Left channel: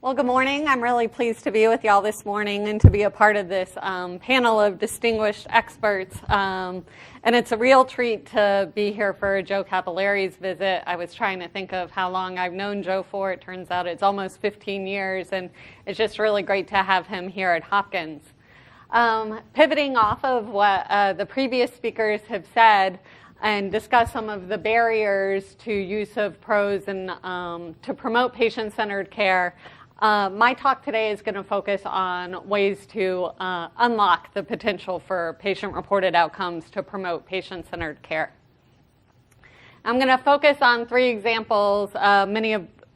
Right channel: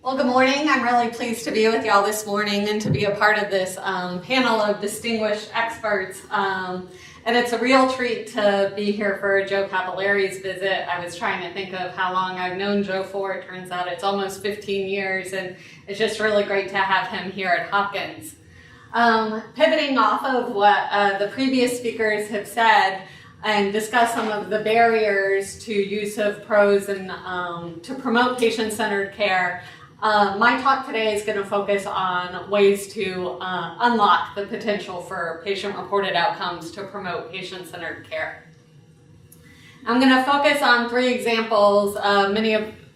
Well, good morning. I'm really pleased to be with y'all this morning and to be a part of this panel of distinguished experts. And it's a real treat to be here for Joe Capillari's visit. I was trying to think of how long I've known Joe for. It turns out it's almost 15 years, and it's just really great to have him here at Hopkins. Pivoting off of what the previous speakers have said, and discuss some of the barriers to use of PROS and to promote patient-centered care. My talk today is going to focus on ways to unlock the potential for patient-reported outcomes to promote patient-centered care. I'm going to focus on three examples,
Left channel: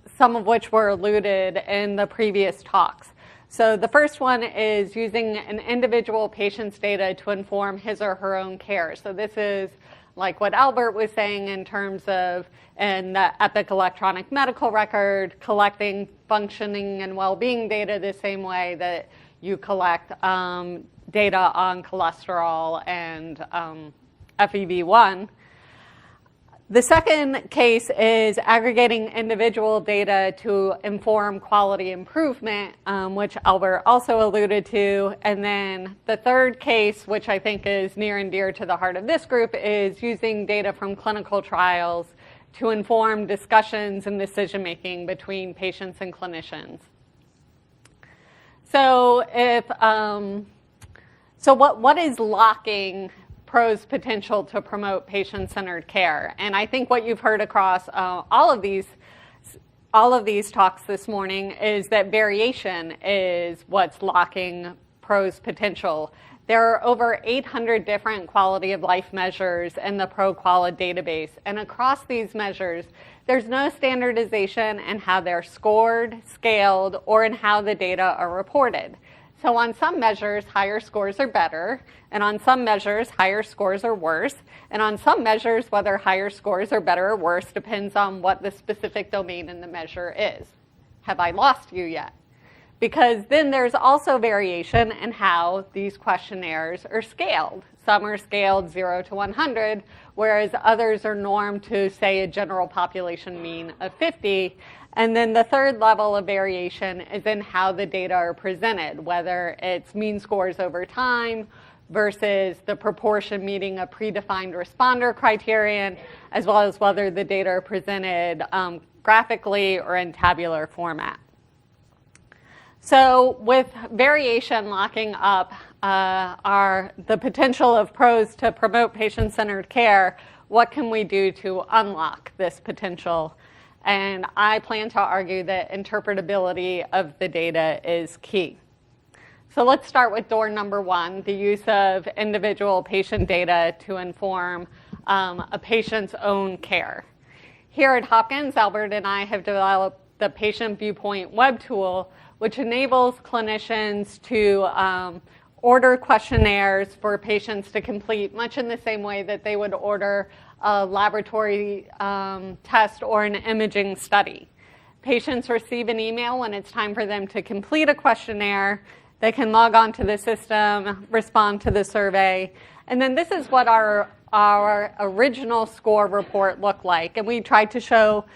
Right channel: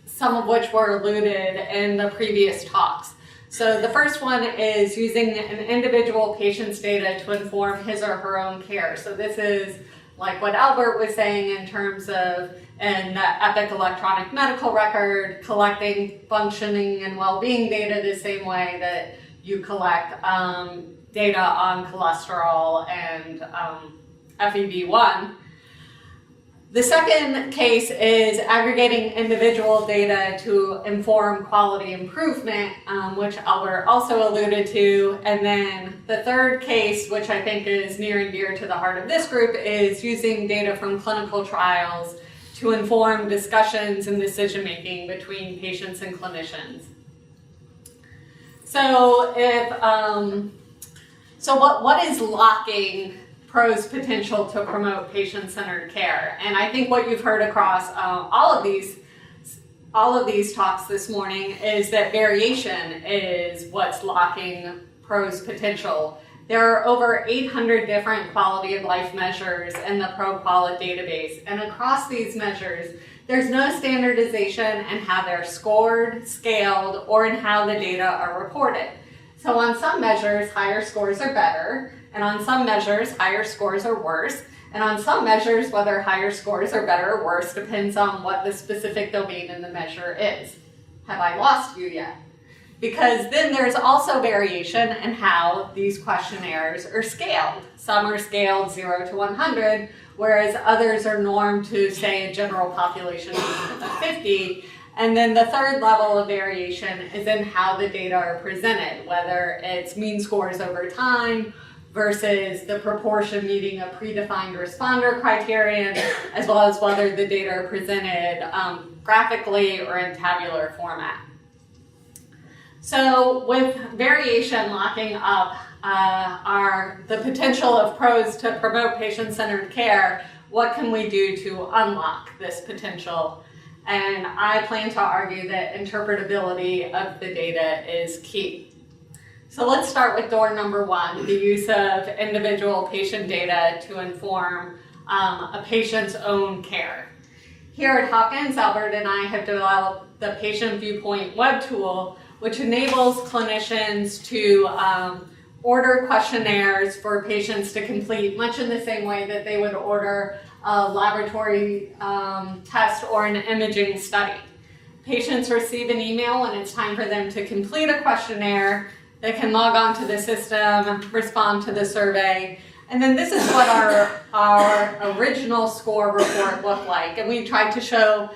some of which were alluded in the previous talks. So the first one is using an individual patient's data to inform his or her own care. So this is like what Albert was saying in terms of in the Epic electronic medical record, collecting functioning and well-being data the same way that you collect data on cholesterol and FEV1. The second case is aggregating individual data to inform quality improvement, which Albert also alluded to. And then the third case, which I think is near and dear to the heart of this group, is using data from clinical trials to inform discussions and decision-making between patients and clinicians. So what is locking PROS potential to promote patient-centered care? And I think what you've heard across all of these talks this morning is that variation is what's locking PROS potential. There are over 800 different quality of life measures in the ProQuality database, and across these measures, there's no standardization in how they're scored, scaled, or in how the data are reported. So on some measures, higher scores are better, and on some measures, higher scores are worse, and on some measures, whether higher scores are better or worse depends on what the specific domain in the measure is. Have I lost you yet? Because then there's also variation in how these questionnaires are scaled. Some are scaled 0 to 100, whereas others are normed to, say, a general population mean of 50. And then the third level of variation is in how the data are presented, whether it's mean scores over time versus the proportion meeting a predefined responder criterion, as well as whether the data are presented graphically or in tabular format. So with variation locking up the potential of PROS to promote patient-centered care, what can we do to unlock this potential? And I plan to argue that interpretability of the data is key. So let's start with door number one, the use of individual patient data to inform a patient's own care. Here at Hopkins, Albert and I have developed the Patient Viewpoint web tool, which enables clinicians to order questionnaires for patients to complete, much in the same way that they would order a laboratory test or an imaging study. Patients receive an email when it's time for them to complete a questionnaire. They can log on to the system, respond to the survey, and then this is what our original score report looked like. And we tried to show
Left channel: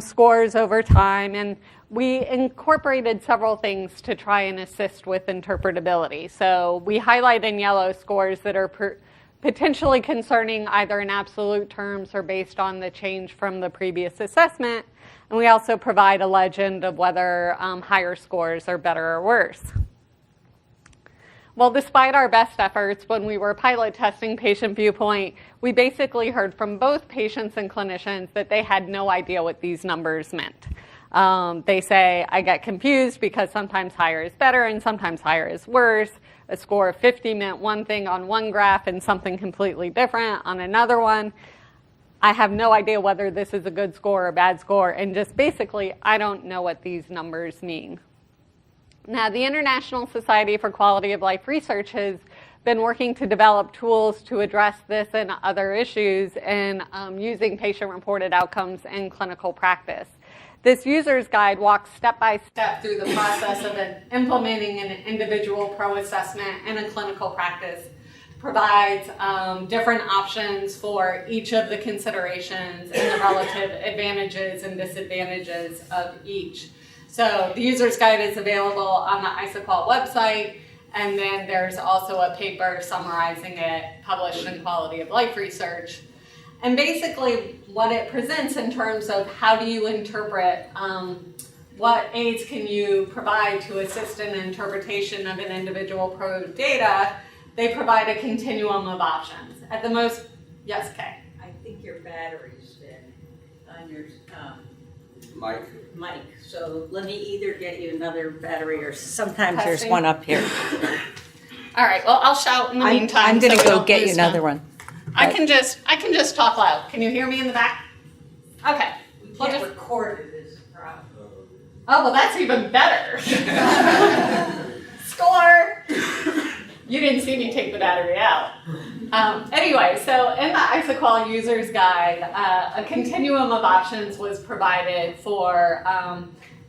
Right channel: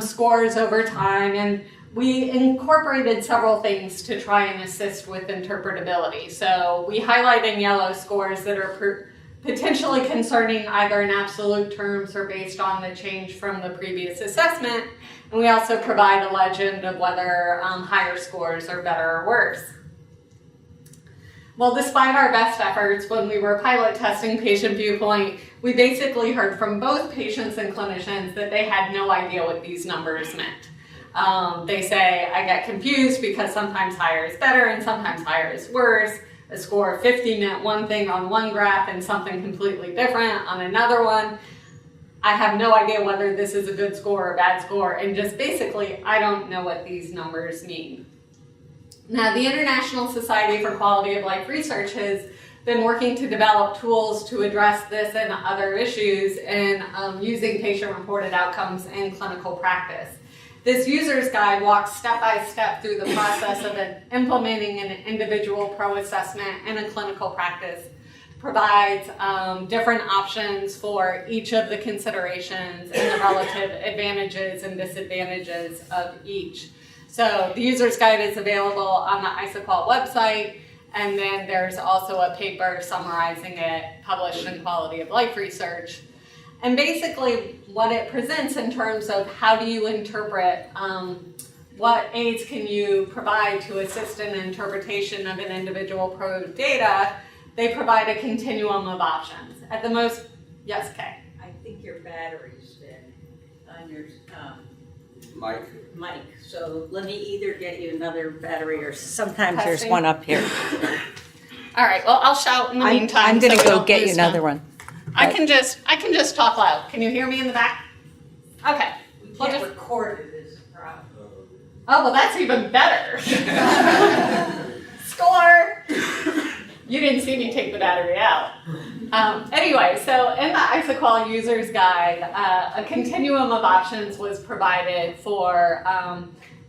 scores over time, and we incorporated several things to try and assist with interpretability. So we highlight in yellow scores that are potentially concerning either in absolute terms or based on the change from the previous assessment. And we also provide a legend of whether higher scores are better or worse. Well, despite our best efforts, when we were pilot testing Patient Viewpoint, we basically heard from both patients and clinicians that they had no idea what these numbers meant. They say, I get confused because sometimes higher is better and sometimes higher is worse. A score of 50 meant one thing on one graph and something completely different on another one. I have no idea whether this is a good score or a bad score, and just basically, I don't know what these numbers mean. Now, the International Society for Quality of Life Research has been working to develop tools to address this and other issues in using patient-reported outcomes in clinical practice. This user's guide walks step by step through the process of implementing an individual PRO assessment in a clinical practice, provides different options for each of the considerations and the relative advantages and disadvantages of each. So the user's guide is available on the ISOQual website, and then there's also a paper summarizing it published in Quality of Life Research. And basically what it presents in terms of how do you interpret, what aids can you provide to assist in interpretation of an individual pro data, they provide a continuum of options. At the most, yes, Kay? I think your battery's dead on your mic. So let me either get you another battery or sometimes Testing. there's one up here. All right, well, I'll shout in the meantime. I'm going to so we go don't get you lose another them. one. I can just talk loud. Can you hear me in the back? Okay. We We'll can't just- record it as a problem. Oh, well, that's even better. Score! You didn't see me take the battery out. Anyway, so in the ISOQual User's Guide, a continuum of options was provided for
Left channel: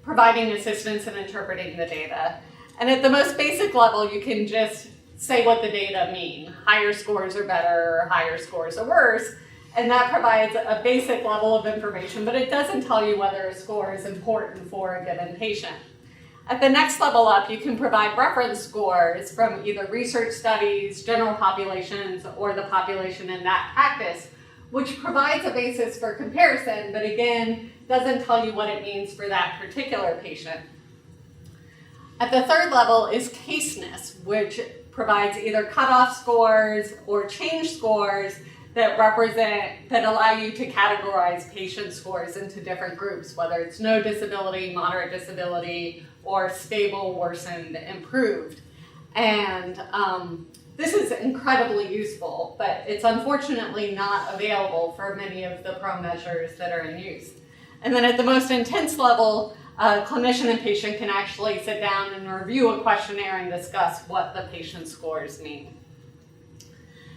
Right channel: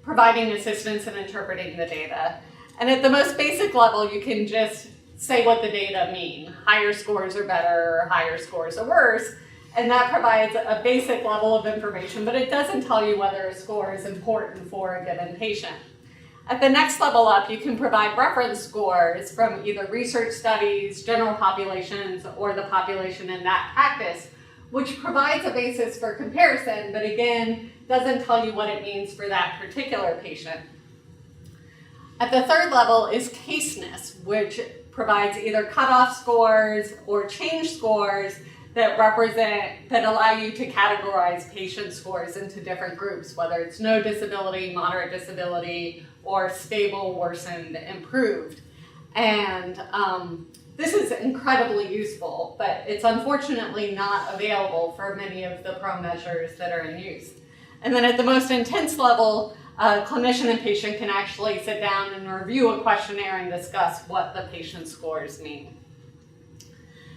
providing assistance in interpreting the data. And at the most basic level, you can just say what the data mean. Higher scores are better, or higher scores are worse. And that provides a basic level of information, but it doesn't tell you whether a score is important for a given patient. At the next level up, you can provide reference scores from either research studies, general populations, or the population in that practice, which provides a basis for comparison, but again, doesn't tell you what it means for that particular patient. At the third level is caseness, which provides either cutoff scores or change scores that allow you to categorize patient scores into different groups, whether it's no disability, moderate disability, or stable, worsened, improved. And this is incredibly useful, but it's unfortunately not available for many of the pro measures that are in use. And then at the most intense level, clinician and patient can actually sit down and review a questionnaire and discuss what the patient scores mean.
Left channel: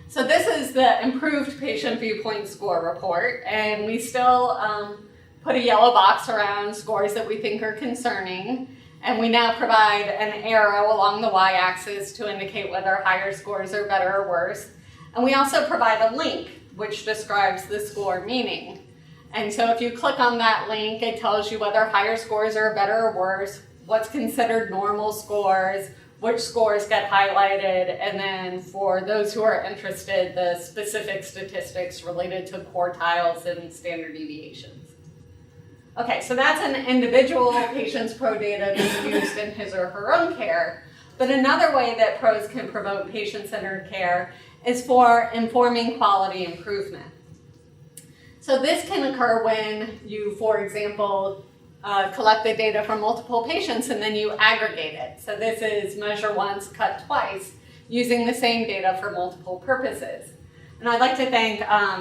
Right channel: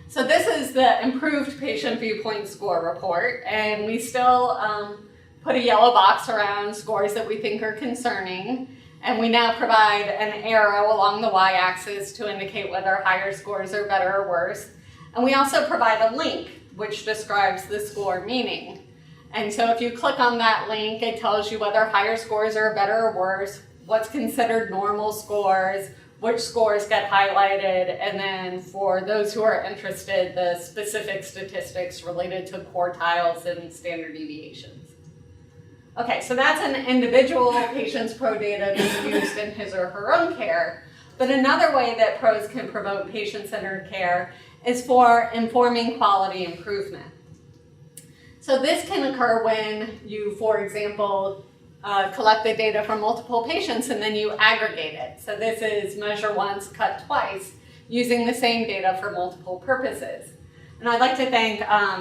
So this is the improved patient viewpoint score report, and we still put a yellow box around scores that we think are concerning, and we now provide an arrow along the y-axis to indicate whether higher scores are better or worse. And we also provide a link which describes the score meaning. And so if you click on that link, it tells you whether higher scores are better or worse, what's considered normal scores, which scores get highlighted, and then for those who are interested, the specific statistics related to quartiles and standard deviations. Okay, so that's an individual patient's pro data that's used in his or her own care. But another way that pros can promote patient-centered care is for informing quality improvement. So this can occur when you, for example, collect the data from multiple patients and then you aggregate it. So this is measure once, cut twice, using the same data for multiple purposes. And I'd like to thank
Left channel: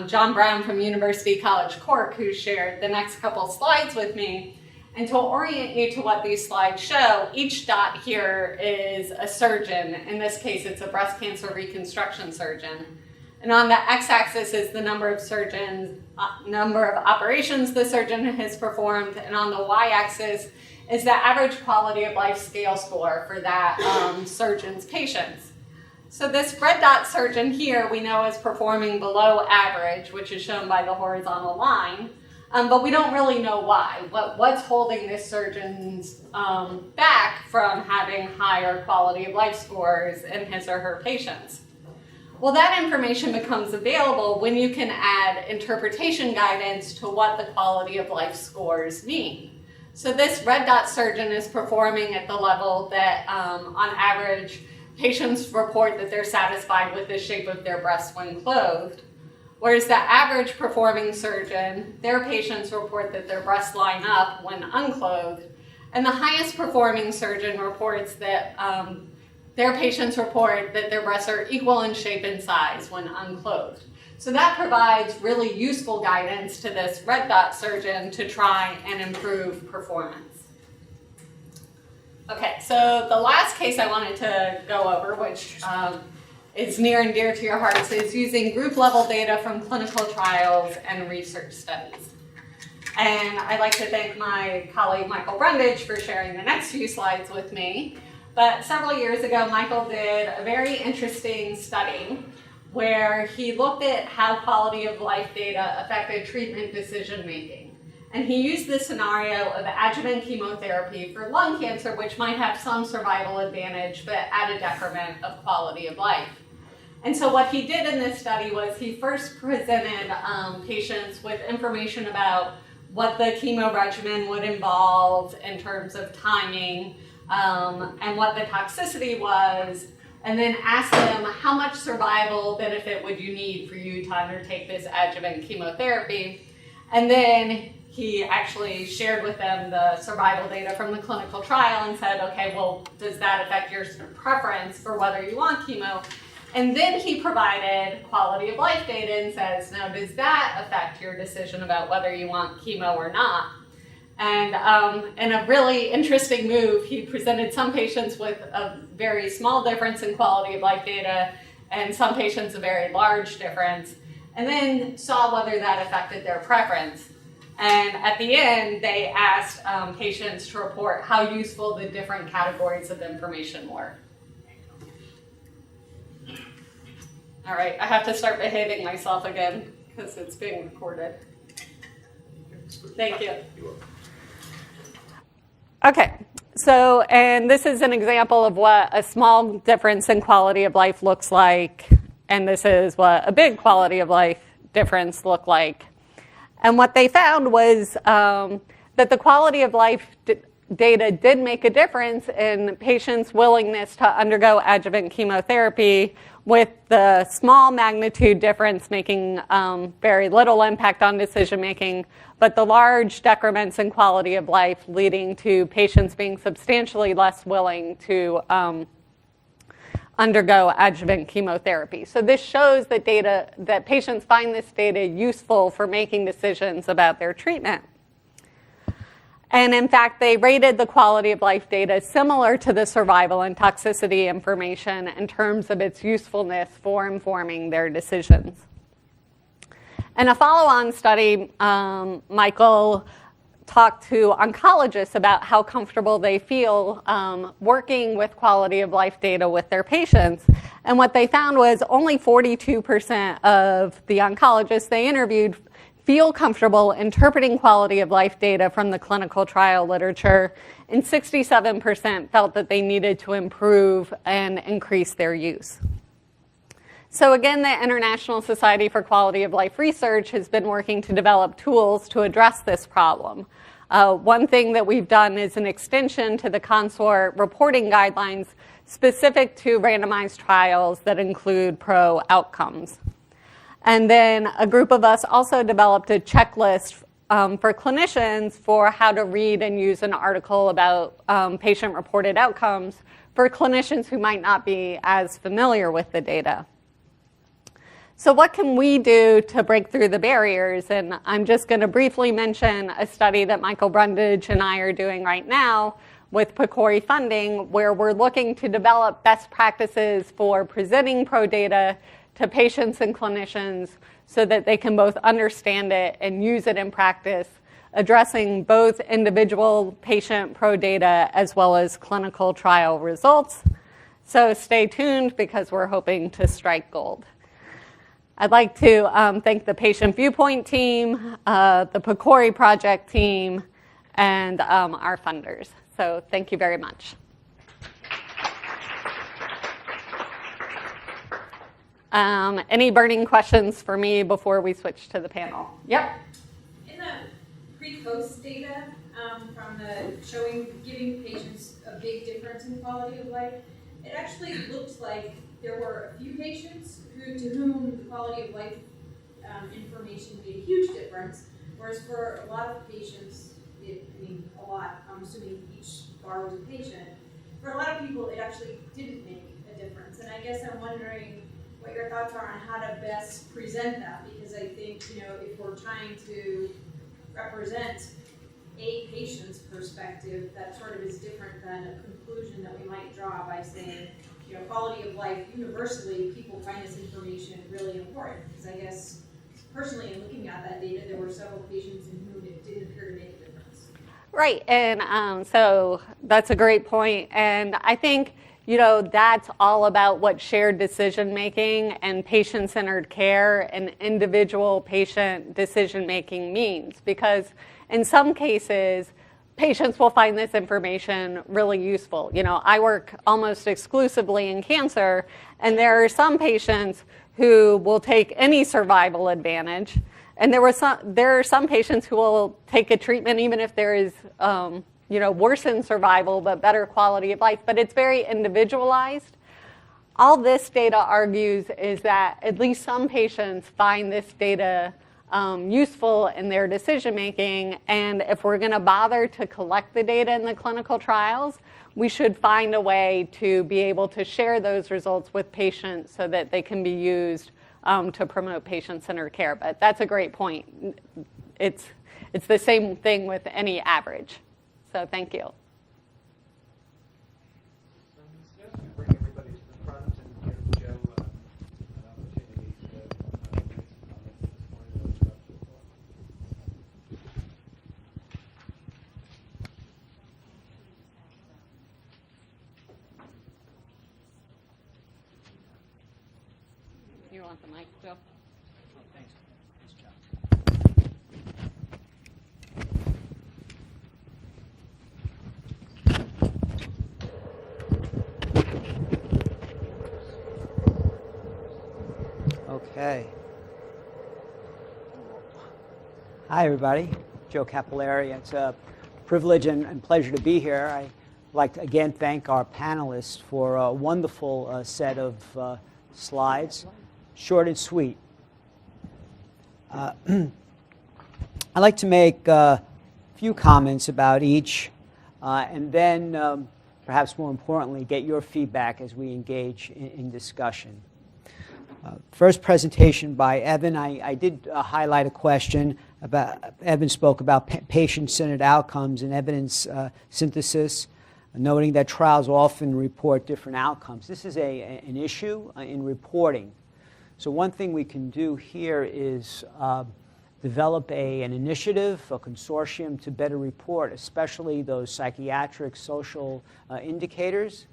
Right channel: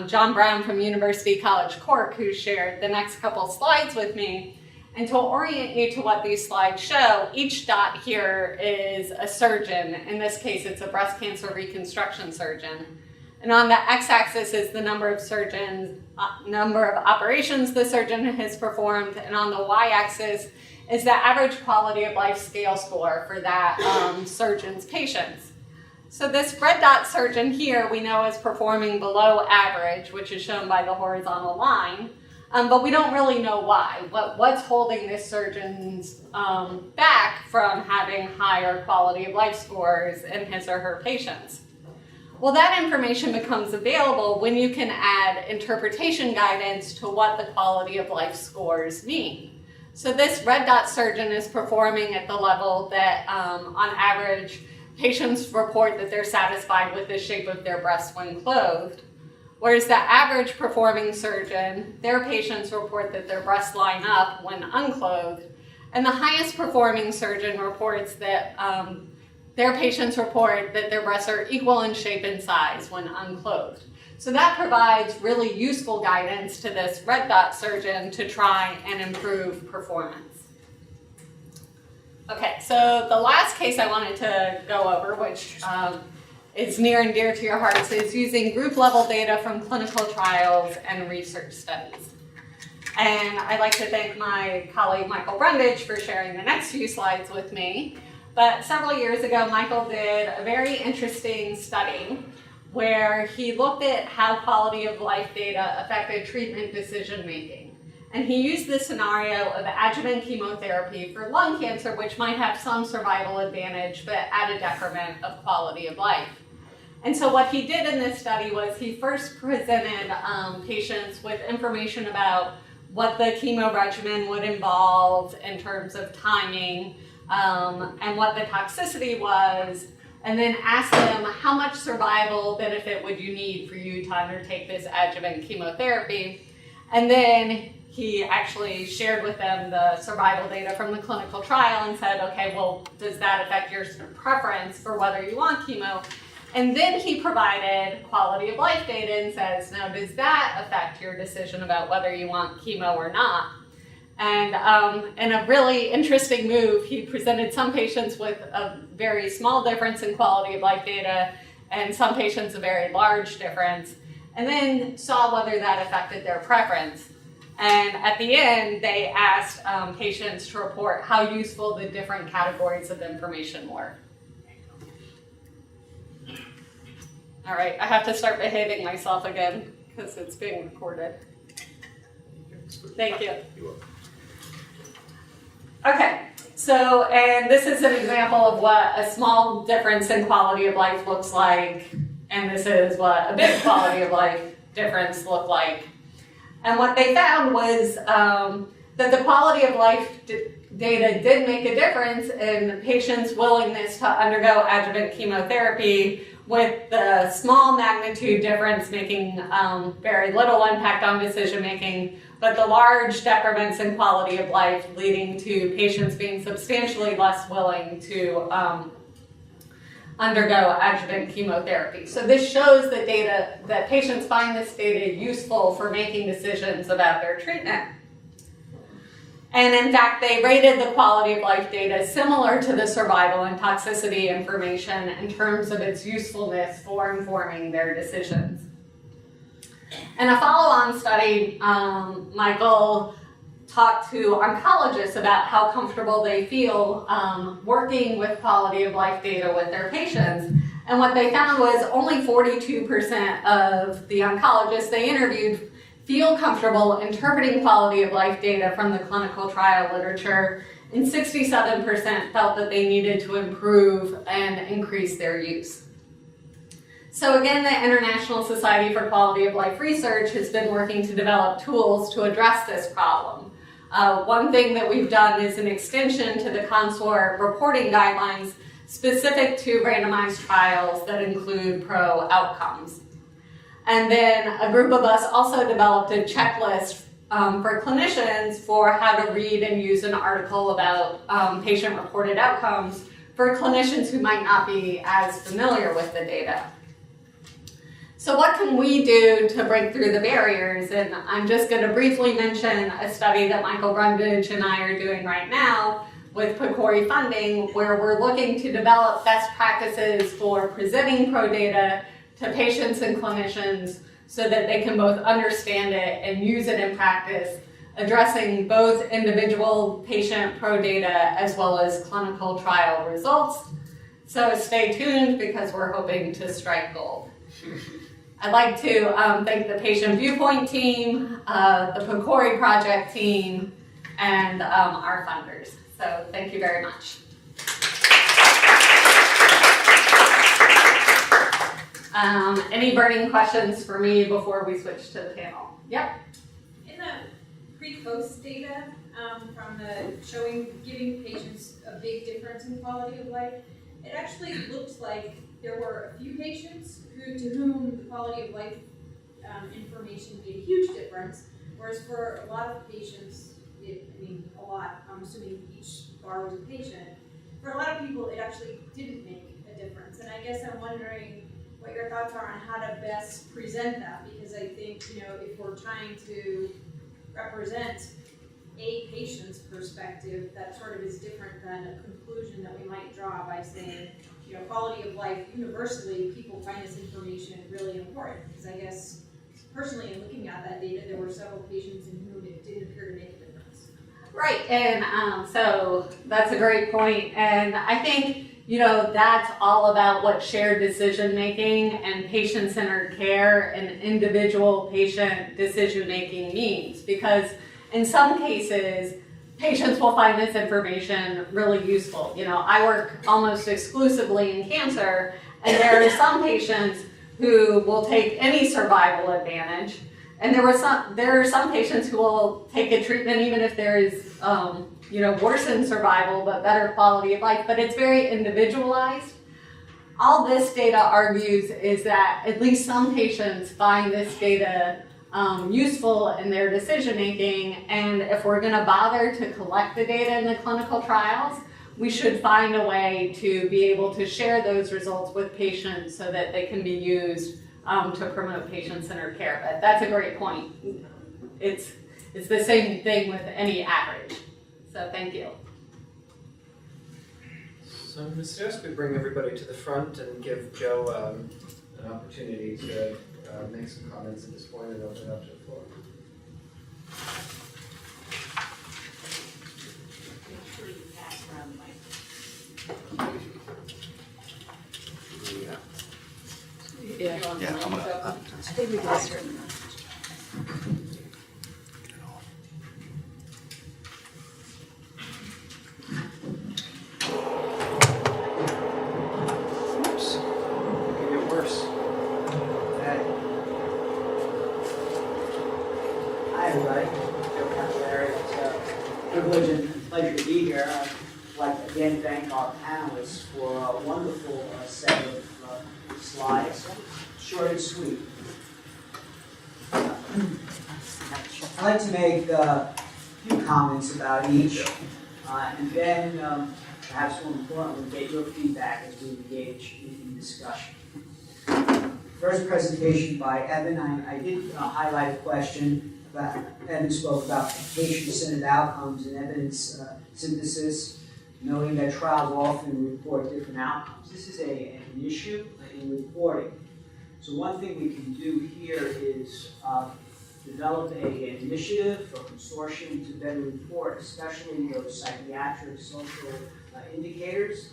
John Brown from University College Cork, who shared the next couple slides with me. And to orient you to what these slides show, each dot here is a surgeon. In this case, it's a breast cancer reconstruction surgeon. And on the x-axis is the number of surgeons, number of operations the surgeon has performed, and on the y-axis is the average quality of life scale score for that surgeon's patients. So this red dot surgeon here we know is performing below average, which is shown by the horizontal line, but we don't really know why. What's holding this surgeon's back from having higher quality of life scores in his or her patients? Well, that information becomes available when you can add interpretation guidance to what the quality of life scores mean. So this red dot surgeon is performing at the level that, on average, patients report that they're satisfied with the shape of their breast when clothed. Whereas the average performing surgeon, their patients report that their breasts line up when unclothed. And the highest performing surgeon reports that their patients report that their breasts are equal in shape and size when unclothed. So that provides really useful guidance to this red dot surgeon to try and improve performance. Okay, so the last case I wanted to go over, which is near and dear to your hearts, is using group level data from clinical trials and research studies. And I'd like to thank my colleague Michael Brundage for sharing the next few slides with me. But several years ago, Michael did a very interesting study where he looked at how quality of life data affected treatment decision making. And he used this scenario of adjuvant chemotherapy for lung cancer, which might have some survival advantage, but at a detriment of quality of life. And so what he did in this study was he first presented patients with information about what the chemo regimen would involve in terms of timing and what the toxicity was, and then asked them how much survival benefit would you need for you to undertake this adjuvant chemotherapy. And then he actually shared with them the survival data from the clinical trial and said, okay, well, does that affect your preference for whether you want chemo? And then he provided quality of life data and says, now, does that affect your decision about whether you want chemo or not? And in a really interesting move, he presented some patients with a very small difference in quality of life data and some patients a very large difference, and then saw whether that affected their preference. And at the end, they asked patients to report how useful the different categories of information were. All right, I have to start behaving myself again because it's being recorded. Thank you. Okay, so, and this is an example of what a small difference in quality of life looks like, and this is what a big quality of life difference looked like. And what they found was that the quality of life data did make a difference in patients' willingness to undergo adjuvant chemotherapy, with the small magnitude difference making very little impact on decision making, but the large decrements in quality of life leading to patients being substantially less willing to undergo adjuvant chemotherapy. So this shows that patients find this data useful for making decisions about their treatment. And in fact, they rated the quality of life data similar to the survival and toxicity information in terms of its usefulness for informing their decisions. In a follow-on study, Michael talked to oncologists about how comfortable they feel working with quality of life data with their patients. And what they found was only 42% of the oncologists they interviewed feel comfortable interpreting quality of life data from the clinical trial literature, and 67% felt that they needed to improve and increase their use. So again, the International Society for Quality of Life Research has been working to develop tools to address this problem. One thing that we've done is an extension to the consort reporting guidelines specific to randomized trials that include pro outcomes. And then a group of us also developed a checklist for clinicians for how to read and use an article about patient-reported outcomes for clinicians who might not be as familiar with the data. So what can we do to break through the barriers? And I'm just going to briefly mention a study that Michael Brundage and I are doing right now with PCORI funding, where we're looking to develop best practices for presenting pro data to patients and clinicians so that they can both understand it and use it in practice, addressing both individual patient pro data as well as clinical trial results. So stay tuned because we're hoping to strike gold. I'd like to thank the Patient Viewpoint team, the PCORI project team, and our funders. So thank you very much. Any burning questions for me before we switch to the panel? Yep. In the pre-post data from the giving patients a big difference in quality of life, it actually looked like there were a few patients to whom the quality of life information made a huge difference, whereas for a lot of patients, I'm assuming each bar was a patient, for a lot of people it actually didn't make a difference. And I guess I'm wondering what your thoughts are on how to best present that, because I think, if we're trying to represent a patient's perspective, that sort of is different than a conclusion that we might draw by saying, quality of life, universally, people find this information really important. Because I guess, personally, in looking at that data, there were several patients in whom it didn't appear to make a difference. Right, and so that's a great point. And I think, that's all about what shared decision-making and patient-centered care and individual patient decision-making means. Because in some cases, patients will find this information really useful. You know, I work almost exclusively in cancer, and there are some patients who will take any survival advantage, and there are some patients who will take a treatment even if there is, worsened survival but better quality of life. But it's very individualized. All this data argues is that at least some patients find this data useful in their decision making, and if we're going to bother to collect the data in the clinical trials, we should find a way to be able to share those results with patients so that they can be used to promote patient-centered care. But that's a great point. It's the same thing with any average. So thank you. So I'm going to suggest we bring everybody to the front and give Joe an opportunity to make some comments at this point and open it up to the floor. Yeah. Yeah, I'm gonna. I think we can just turn them Oops. Could get worse. Okay. Hi, everybody. Joe Capillari. It's a privilege and pleasure to be here. I'd like to again thank our panelists for a wonderful set of slides, short and sweet. I'd like to make a few comments about each, and then, perhaps more importantly, get your feedback as we engage in discussion. First presentation by Evan. I did highlight a question about, Evan spoke about patient-centered outcomes and evidence synthesis, noting that trials often report different outcomes. This is an issue in reporting. So one thing we can do here is develop an initiative, a consortium to better report, especially those psychiatric, social indicators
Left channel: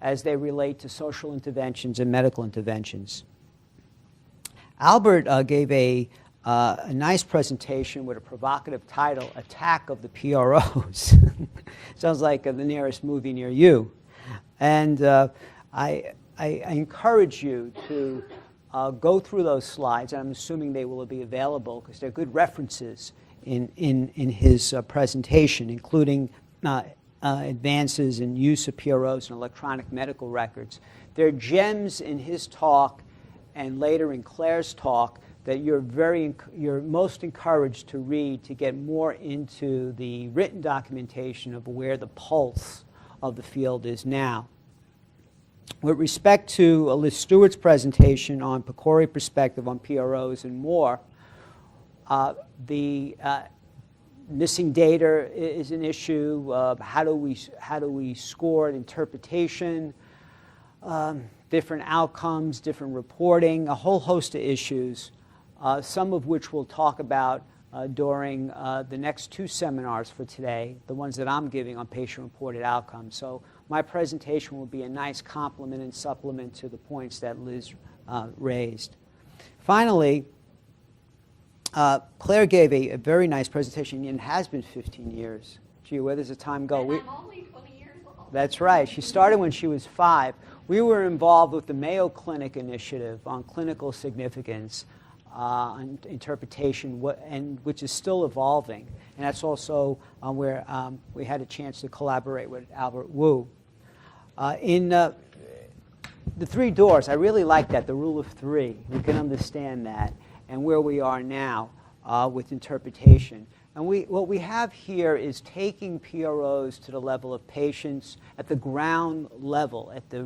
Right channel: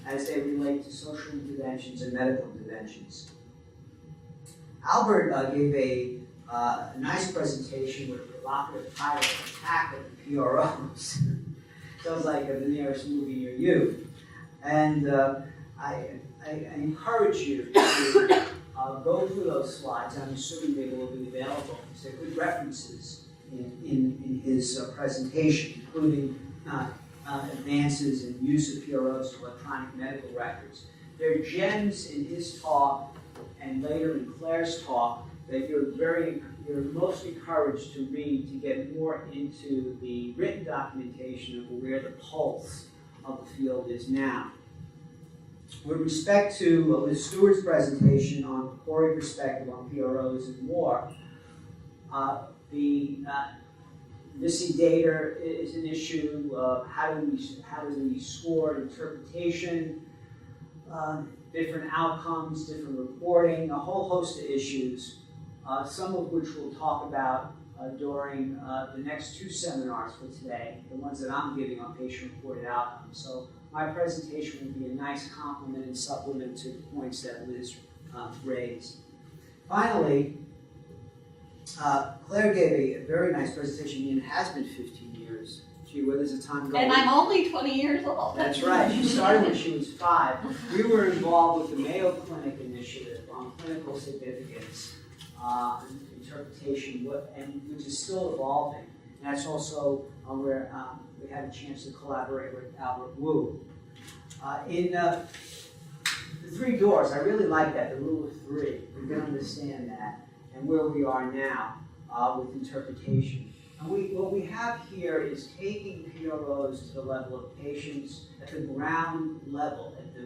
as they relate to social interventions and medical interventions. Albert gave a nice presentation with a provocative title, Attack of the PROs. Sounds like the nearest movie near you. And I encourage you to go through those slides. I'm assuming they will be available because they're good references in his presentation, including advances in use of PROs and electronic medical records. There are gems in his talk and later in Claire's talk that you're most encouraged to read to get more into the written documentation of where the pulse of the field is now. With respect to Liz Stewart's presentation on PCORI perspective on PROs and more, the missing data is an issue. How do we score interpretation? Different outcomes, different reporting, a whole host of issues, some of which we'll talk about during the next two seminars for today, the ones that I'm giving on patient-reported outcomes. So my presentation will be a nice complement and supplement to the points that Liz raised. Finally, Claire gave a very nice presentation, and it has been 15 years. Gee, where does the time go? And I'm only 20 years old. That's right. She started when she was 5. We were involved with the Mayo Clinic initiative on clinical significance, on interpretation, which is still evolving. And that's also where we had a chance to collaborate with Albert Wu. In the 3 doors, I really like that, the rule of 3. You can understand that, and where we are now with interpretation. And what we have here is taking PROs to the level of patients at the ground level, at the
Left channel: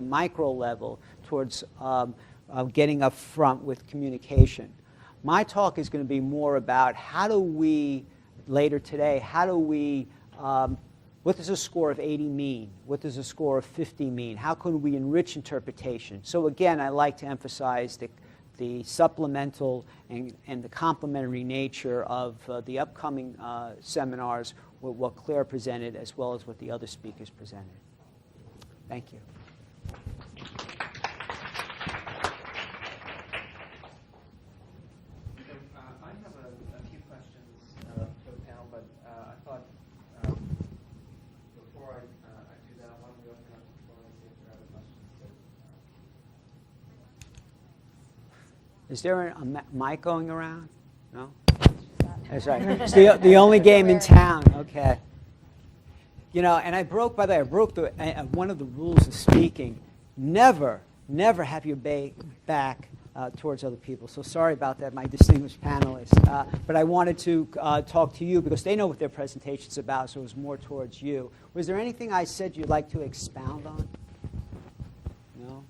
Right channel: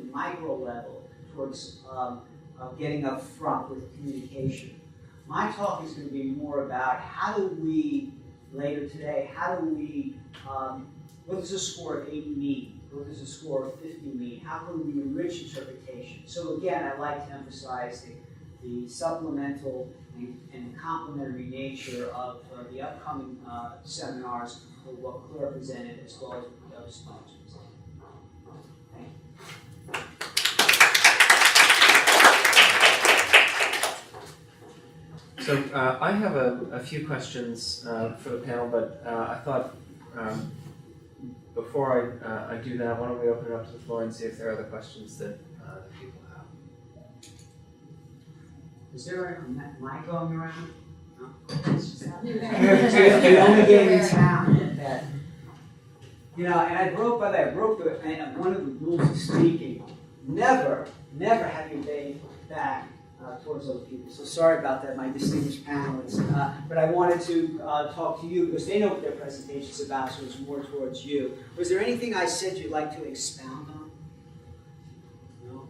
micro level, towards getting up front with communication. My talk is going to be more about how do we, later today, what does a score of 80 mean? What does a score of 50 mean? How could we enrich interpretation? So again, I like to emphasize the supplemental and the complementary nature of the upcoming seminars with what Claire presented as well as what the other speakers presented. Thank you. So I have a few questions for the panel, but I thought before I do that, why don't we open it up to the floor and see if there are other questions that people have. Is there a mic going around? No? That's right. It's the only game in town. Okay. You know, and I broke one of the rules of speaking. Never have your back towards other people. So sorry about that, my distinguished panelists. But I wanted to talk to you because they know what their presentation's about, so it's more towards you. Was there anything I said you'd like to expound on? No?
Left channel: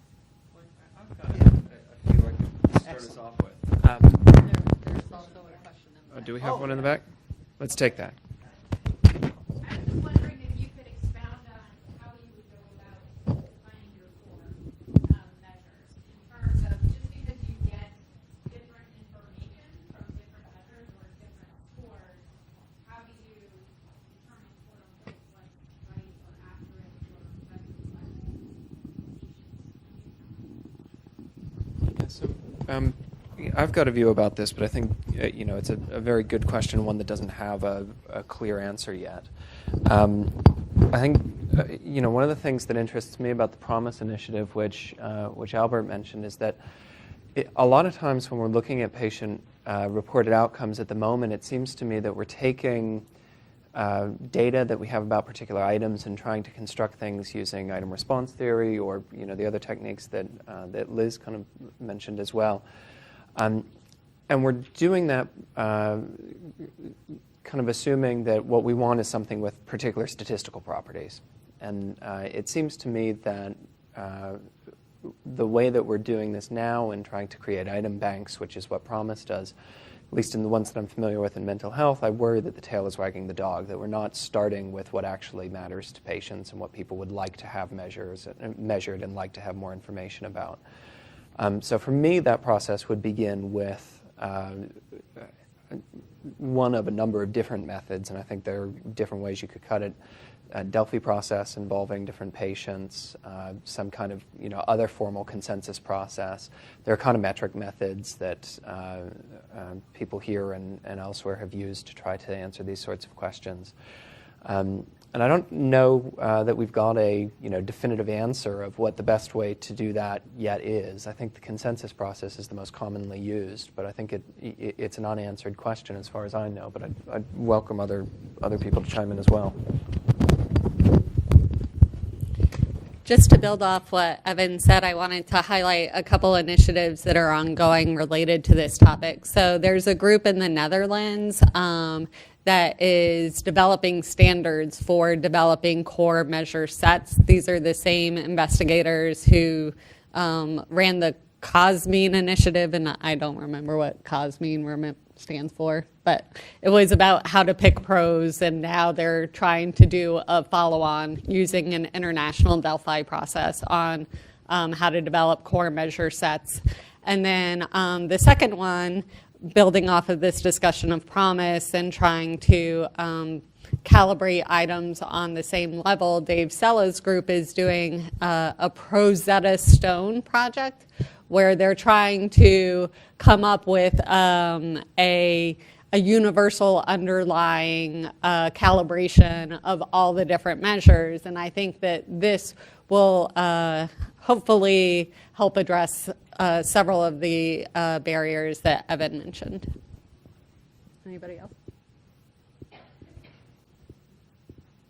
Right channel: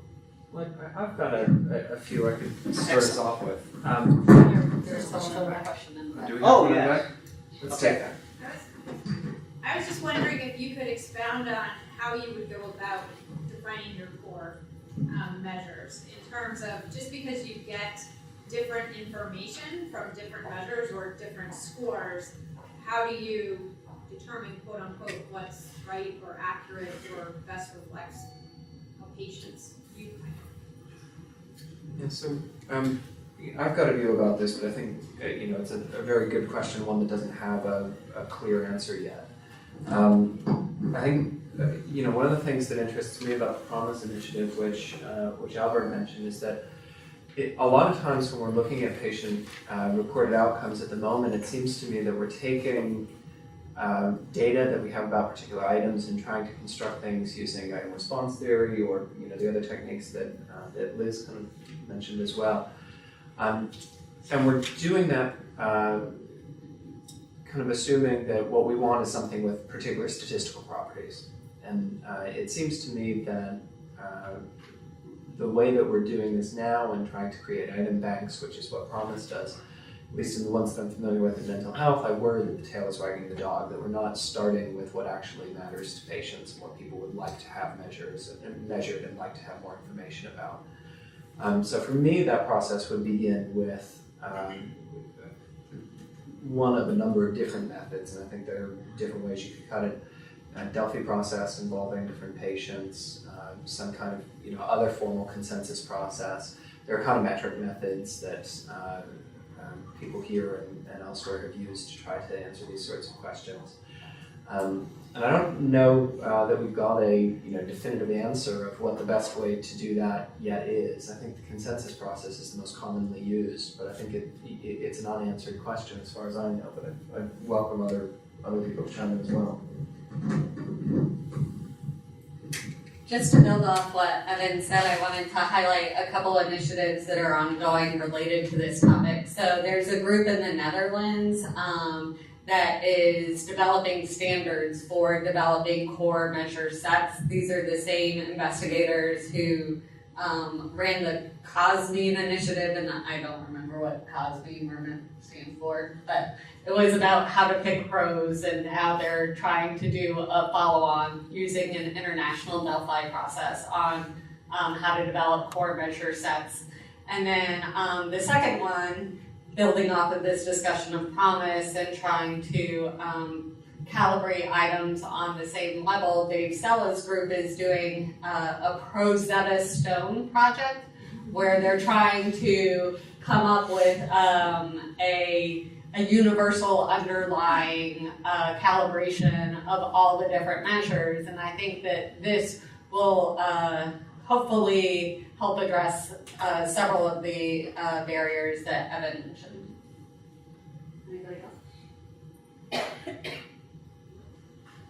Well, I've got a few I could start us off with. There's also a question in the Do we have one in the yeah. back? Let's take that. I was just wondering if you could expound on how you would go about defining your core measures in terms of just because you get different information from different measures or different scores, how do you determine quote unquote what's right or accurate or best reflects a patient's viewpoint? Yeah, so I've got a view about this, but I think it's a very good question, one that doesn't have a clear answer yet. I think one of the things that interests me about the Promise Initiative, which Albert mentioned, is that a lot of times when we're looking at patient reported outcomes at the moment, it seems to me that we're taking data that we have about particular items and trying to construct things using item response theory or the other techniques that Liz kind of mentioned as well. And we're doing that kind of assuming that what we want is something with particular statistical properties. And it seems to me that the way that we're doing this now and trying to create item banks, which is what Promise does, at least in the ones that I'm familiar with in mental health, I worry that the tail is wagging the dog, that we're not starting with what actually matters to patients and what people would like to have measured and like to have more information about. So for me, that process would begin with one of a number of different methods, and I think there are different ways you could cut it. A Delphi process involving different patients, some kind of other formal consensus process. There are econometric methods that people here and elsewhere have used to try to answer these sorts of questions. And I don't know that we've got a definitive answer of what the best way to do that yet is. I think the consensus process is the most commonly used, but I think it's an unanswered question as far as I know. But I'd welcome other people to chime in as well. Just to build off what Evan said, I wanted to highlight a couple initiatives that are ongoing related to this topic. So there's a group in the Netherlands that is developing standards for developing core measure sets. These are the same investigators who ran the COSMEAN initiative, and I don't remember what COSMEAN stands for, but it was about how to pick pros and how they're trying to do a follow-on using an international Delphi process on how to develop core measure sets. And then the second one, building off of this discussion of Promise and trying to calibrate items on the same level, Dave Sella's group is doing a Rosetta Stone project where they're trying to come up with a universal underlying calibration of all the different measures. And I think that this will hopefully help address several of the barriers that Evan mentioned. Anybody else?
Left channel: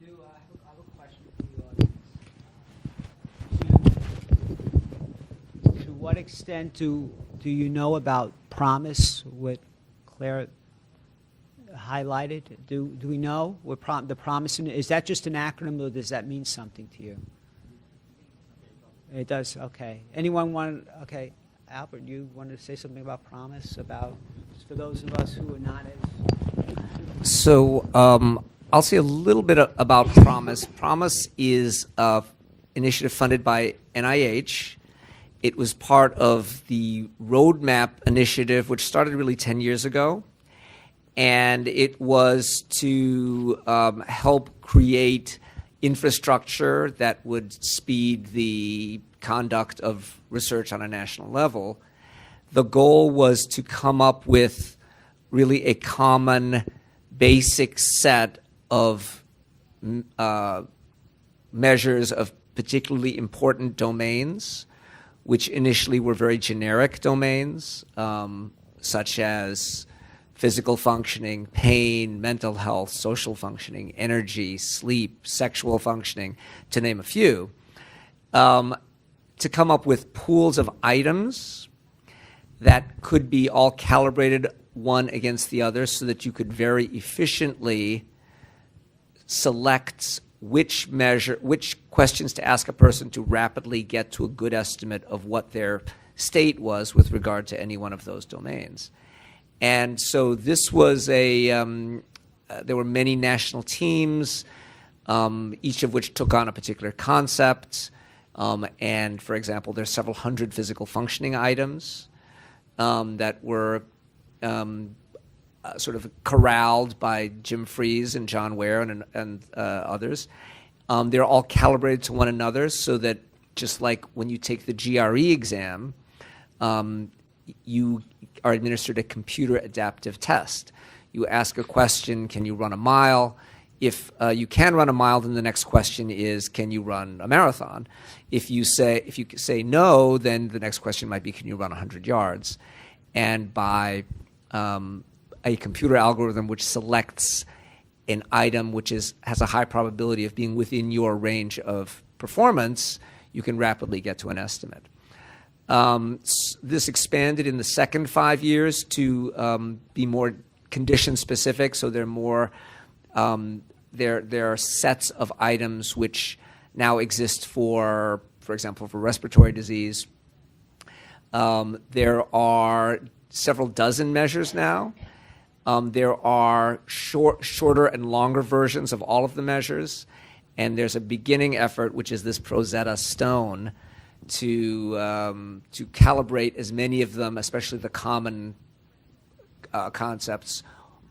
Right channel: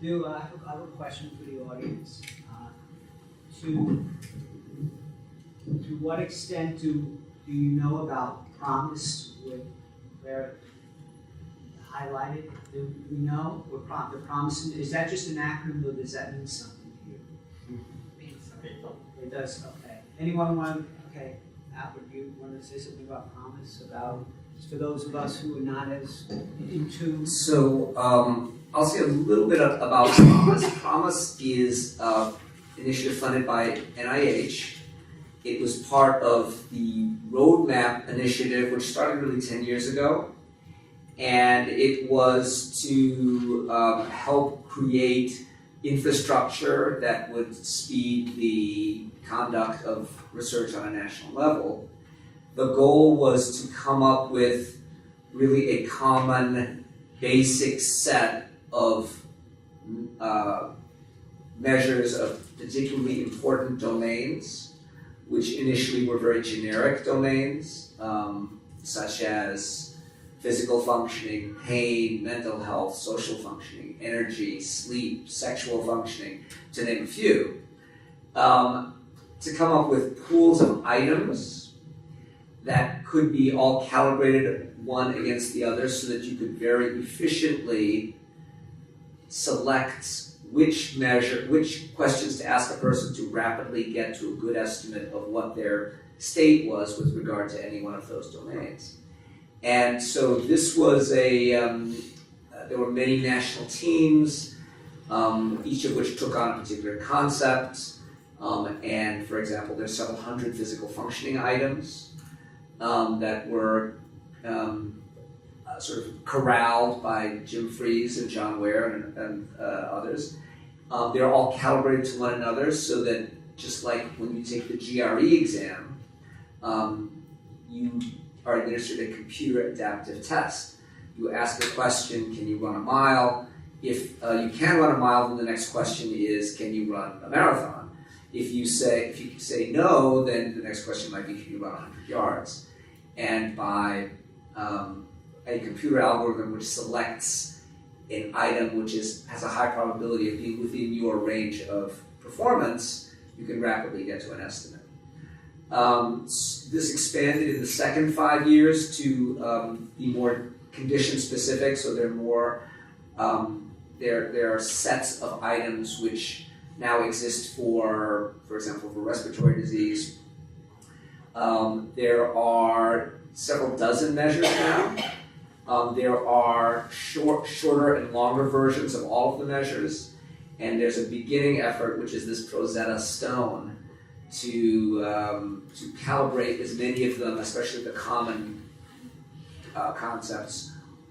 I have a question for the audience. To what extent do you know about Promise, what Claire highlighted? Do we know what the Promise is? That just an acronym, or does that mean something to you? It does. Okay. Anyone want to? Okay, Albert, you want to say something about Promise? About just for those of us who are not as into. So I'll say a little bit about Promise. Promise is an initiative funded by NIH. It was part of the Roadmap initiative, which started really 10 years ago. And it was to help create infrastructure that would speed the conduct of research on a national level the goal was to come up with really a common basic set of measures of particularly important domains, which initially were very generic domains, such as physical functioning, pain, mental health, social functioning, energy, sleep, sexual functioning, to name a few, to come up with pools of items that could be all calibrated one against the other so that you could very efficiently select which questions to ask a person to rapidly get to a good estimate of what their state was with regard to any one of those domains. And so this was there were many national teams, each of which took on a particular concept. And for example, there's several hundred physical functioning items that were sort of corralled by Jim Fries and John Ware and others. They're all calibrated to one another so that just like when you take the GRE exam, you are administered a computer adaptive test. You ask a question, can you run a mile? If you can run a mile, then the next question is, can you run a marathon? If you say no, then the next question might be, can you run 100 yards? And by a computer algorithm which selects an item which has a high probability of being within your range of performance, you can rapidly get to an estimate. This expanded in the second 5 years to be more condition specific. So there are more. There are sets of items which now exist for example, for respiratory disease. There are several dozen measures now. There are shorter and longer versions of all of the measures, and there's a beginning effort, which is this Rosetta Stone, to calibrate as many of them, especially the common concepts,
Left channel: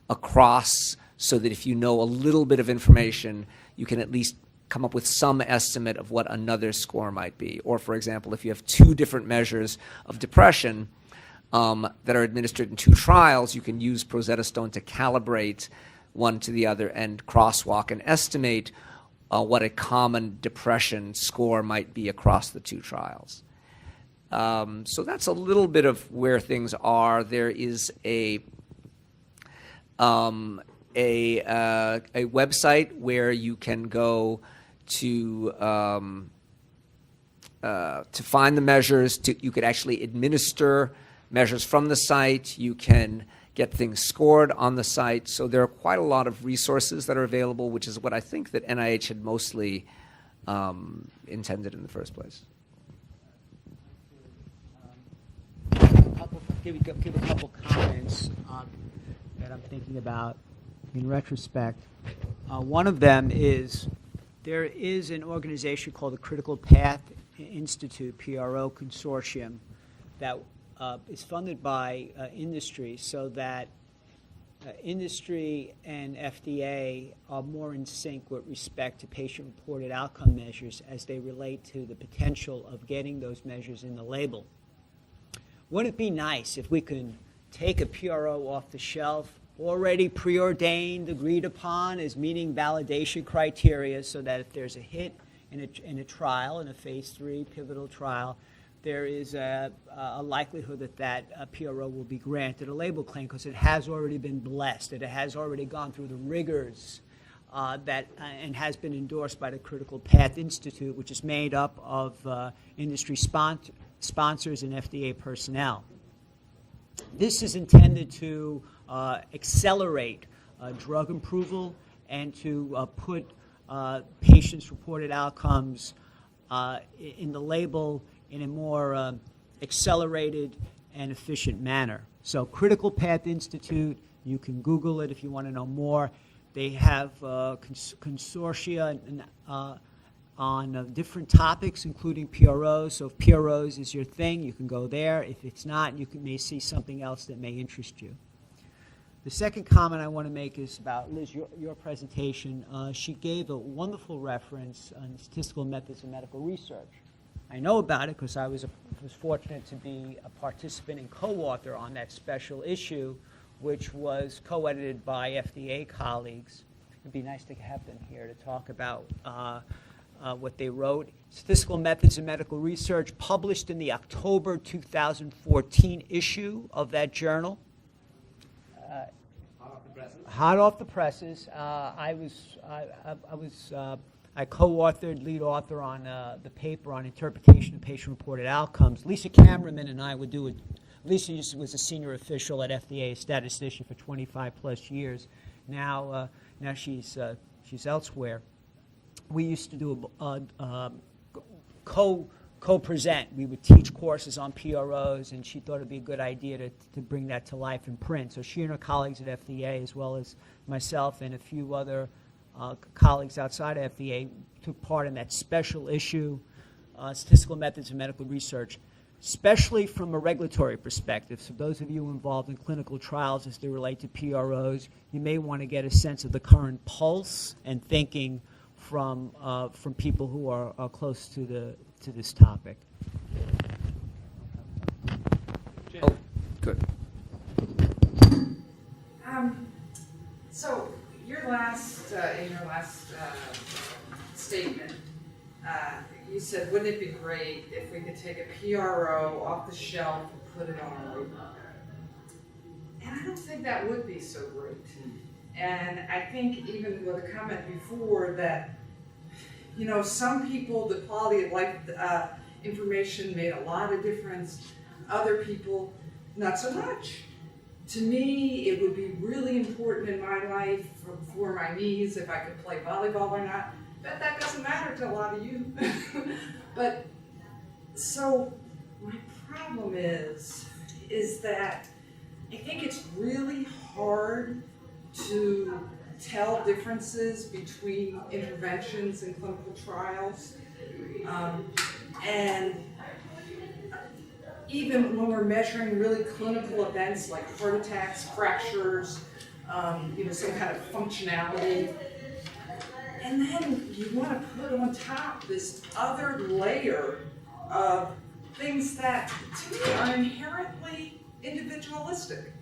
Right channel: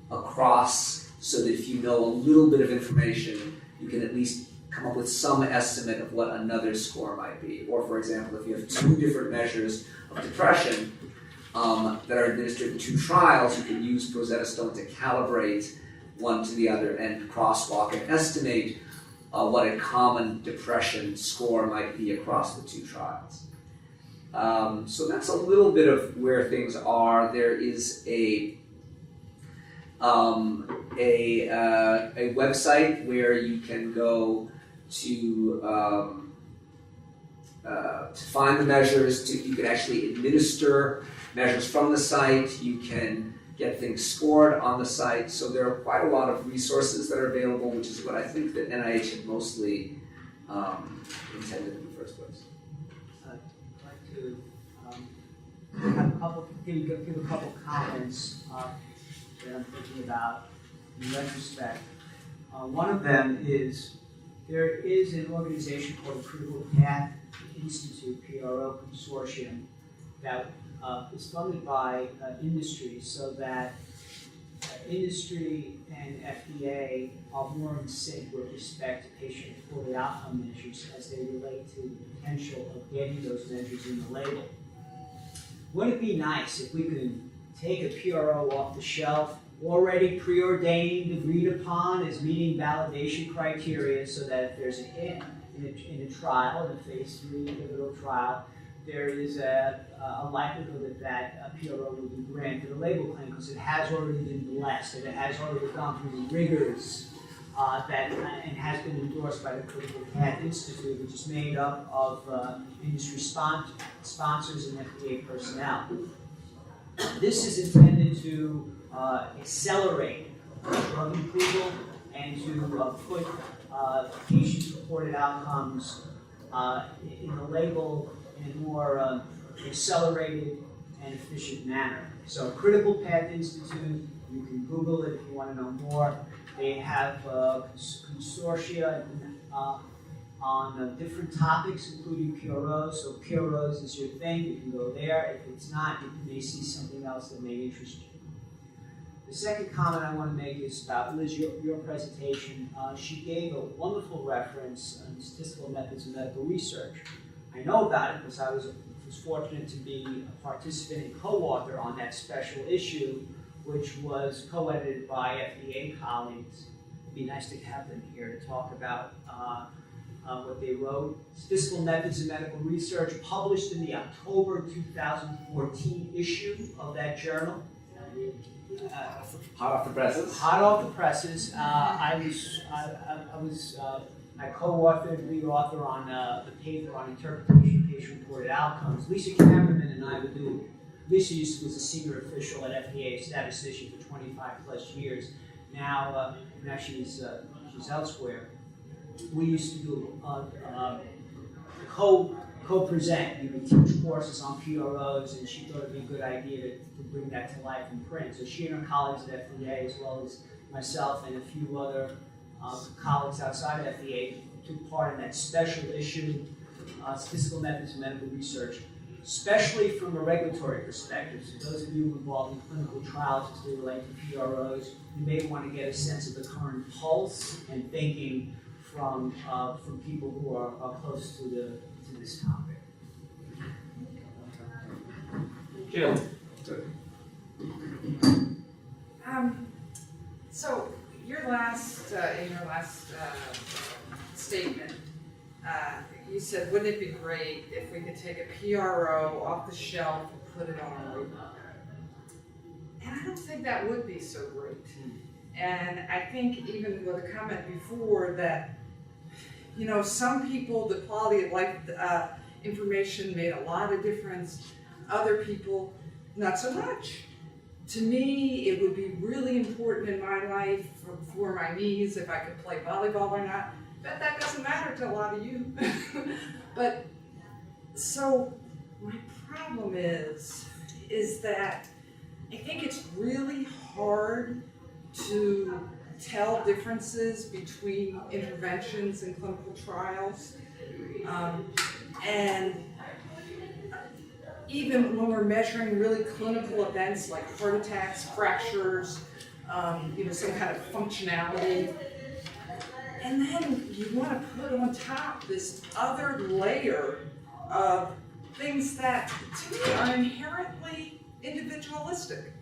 across, so that if you know a little bit of information, you can at least come up with some estimate of what another score might be. Or, for example, if you have two different measures of depression that are administered in two trials, you can use Rosetta Stone to calibrate one to the other and crosswalk and estimate what a common depression score might be across the two trials. So that's a little bit of where things are. There is a website where you can go to find the measures. You could actually administer measures from the site. You can get things scored on the site. So there are quite a lot of resources that are available, which is what I think that NIH had mostly intended in the first place. I'd like to give a couple comments that I'm thinking about in retrospect. One of them is there is an organization called the Critical Path Institute, PRO Consortium, that is funded by industry, so that industry and FDA are more in sync with respect to patient-reported outcome measures as they relate to the potential of getting those measures in the label. Wouldn't it be nice if we could take a PRO off the shelf, already preordained, agreed upon as meeting validation criteria, so that if there's a hit in a trial, in a phase 3 pivotal trial, there is a likelihood that PRO will be granted a label claim because it has already been blessed, that it has already gone through the rigors and has been endorsed by the Critical Path Institute, which is made up of industry sponsors and FDA personnel. This is intended to accelerate drug approval and to put patient-reported outcomes in the label in a more accelerated and efficient manner. So Critical Path Institute, you can Google it if you want to know more. They have consortia on different topics, including PROs. So if PROs is your thing, you can go there. If it's not, you may see something else that may interest you. The second comment I want to make is about, Liz, your presentation. She gave a wonderful reference on statistical methods in medical research. I know about it because I was a was fortunate to be a participant and co-author on that special issue, which was co-edited by FDA colleagues. It'd be nice to have them here to talk about what they wrote. Statistical Methods in Medical Research, published in the October 2014 issue of that journal. Hot off the presses. Hot off the presses. I co-authored, lead author on the paper on interpretation of patient-reported outcomes. Lisa Cameraman and I would do it. Lisa was a senior official at FDA, statistician for 25 plus years. Now she's elsewhere. We used to do co-present. We would teach courses on PROs, and she thought it would be a good idea to bring that to life in print. So she and her colleagues at FDA, as well as myself and a few other colleagues outside of FDA, took part in that special issue, Statistical Methods in Medical Research, especially from a regulatory perspective. So those of you involved in clinical trials as they relate to PROs, you may want to get a sense of the current pulse and thinking from people who are close to this topic. Jill. Good. So in your last statement, you said, wouldn't it be great if we could take a PRO off the shelf and put it on a roadmap? And I don't think that would be so great. And I think even with a comment before that, some people, the quality of life information made a lot of difference. Other people, not so much. To me, it would be really important in my life for my knees if I could play volleyball or not. But that doesn't matter to a lot of you. But so my problem is that I think it's really hard to tell differences between interventions and clinical trials. And even when we're measuring really clinical events like heart attacks, fractures, some kind of functionality, and then you want to put on top this other layer of things that, to me, are inherently individualistic.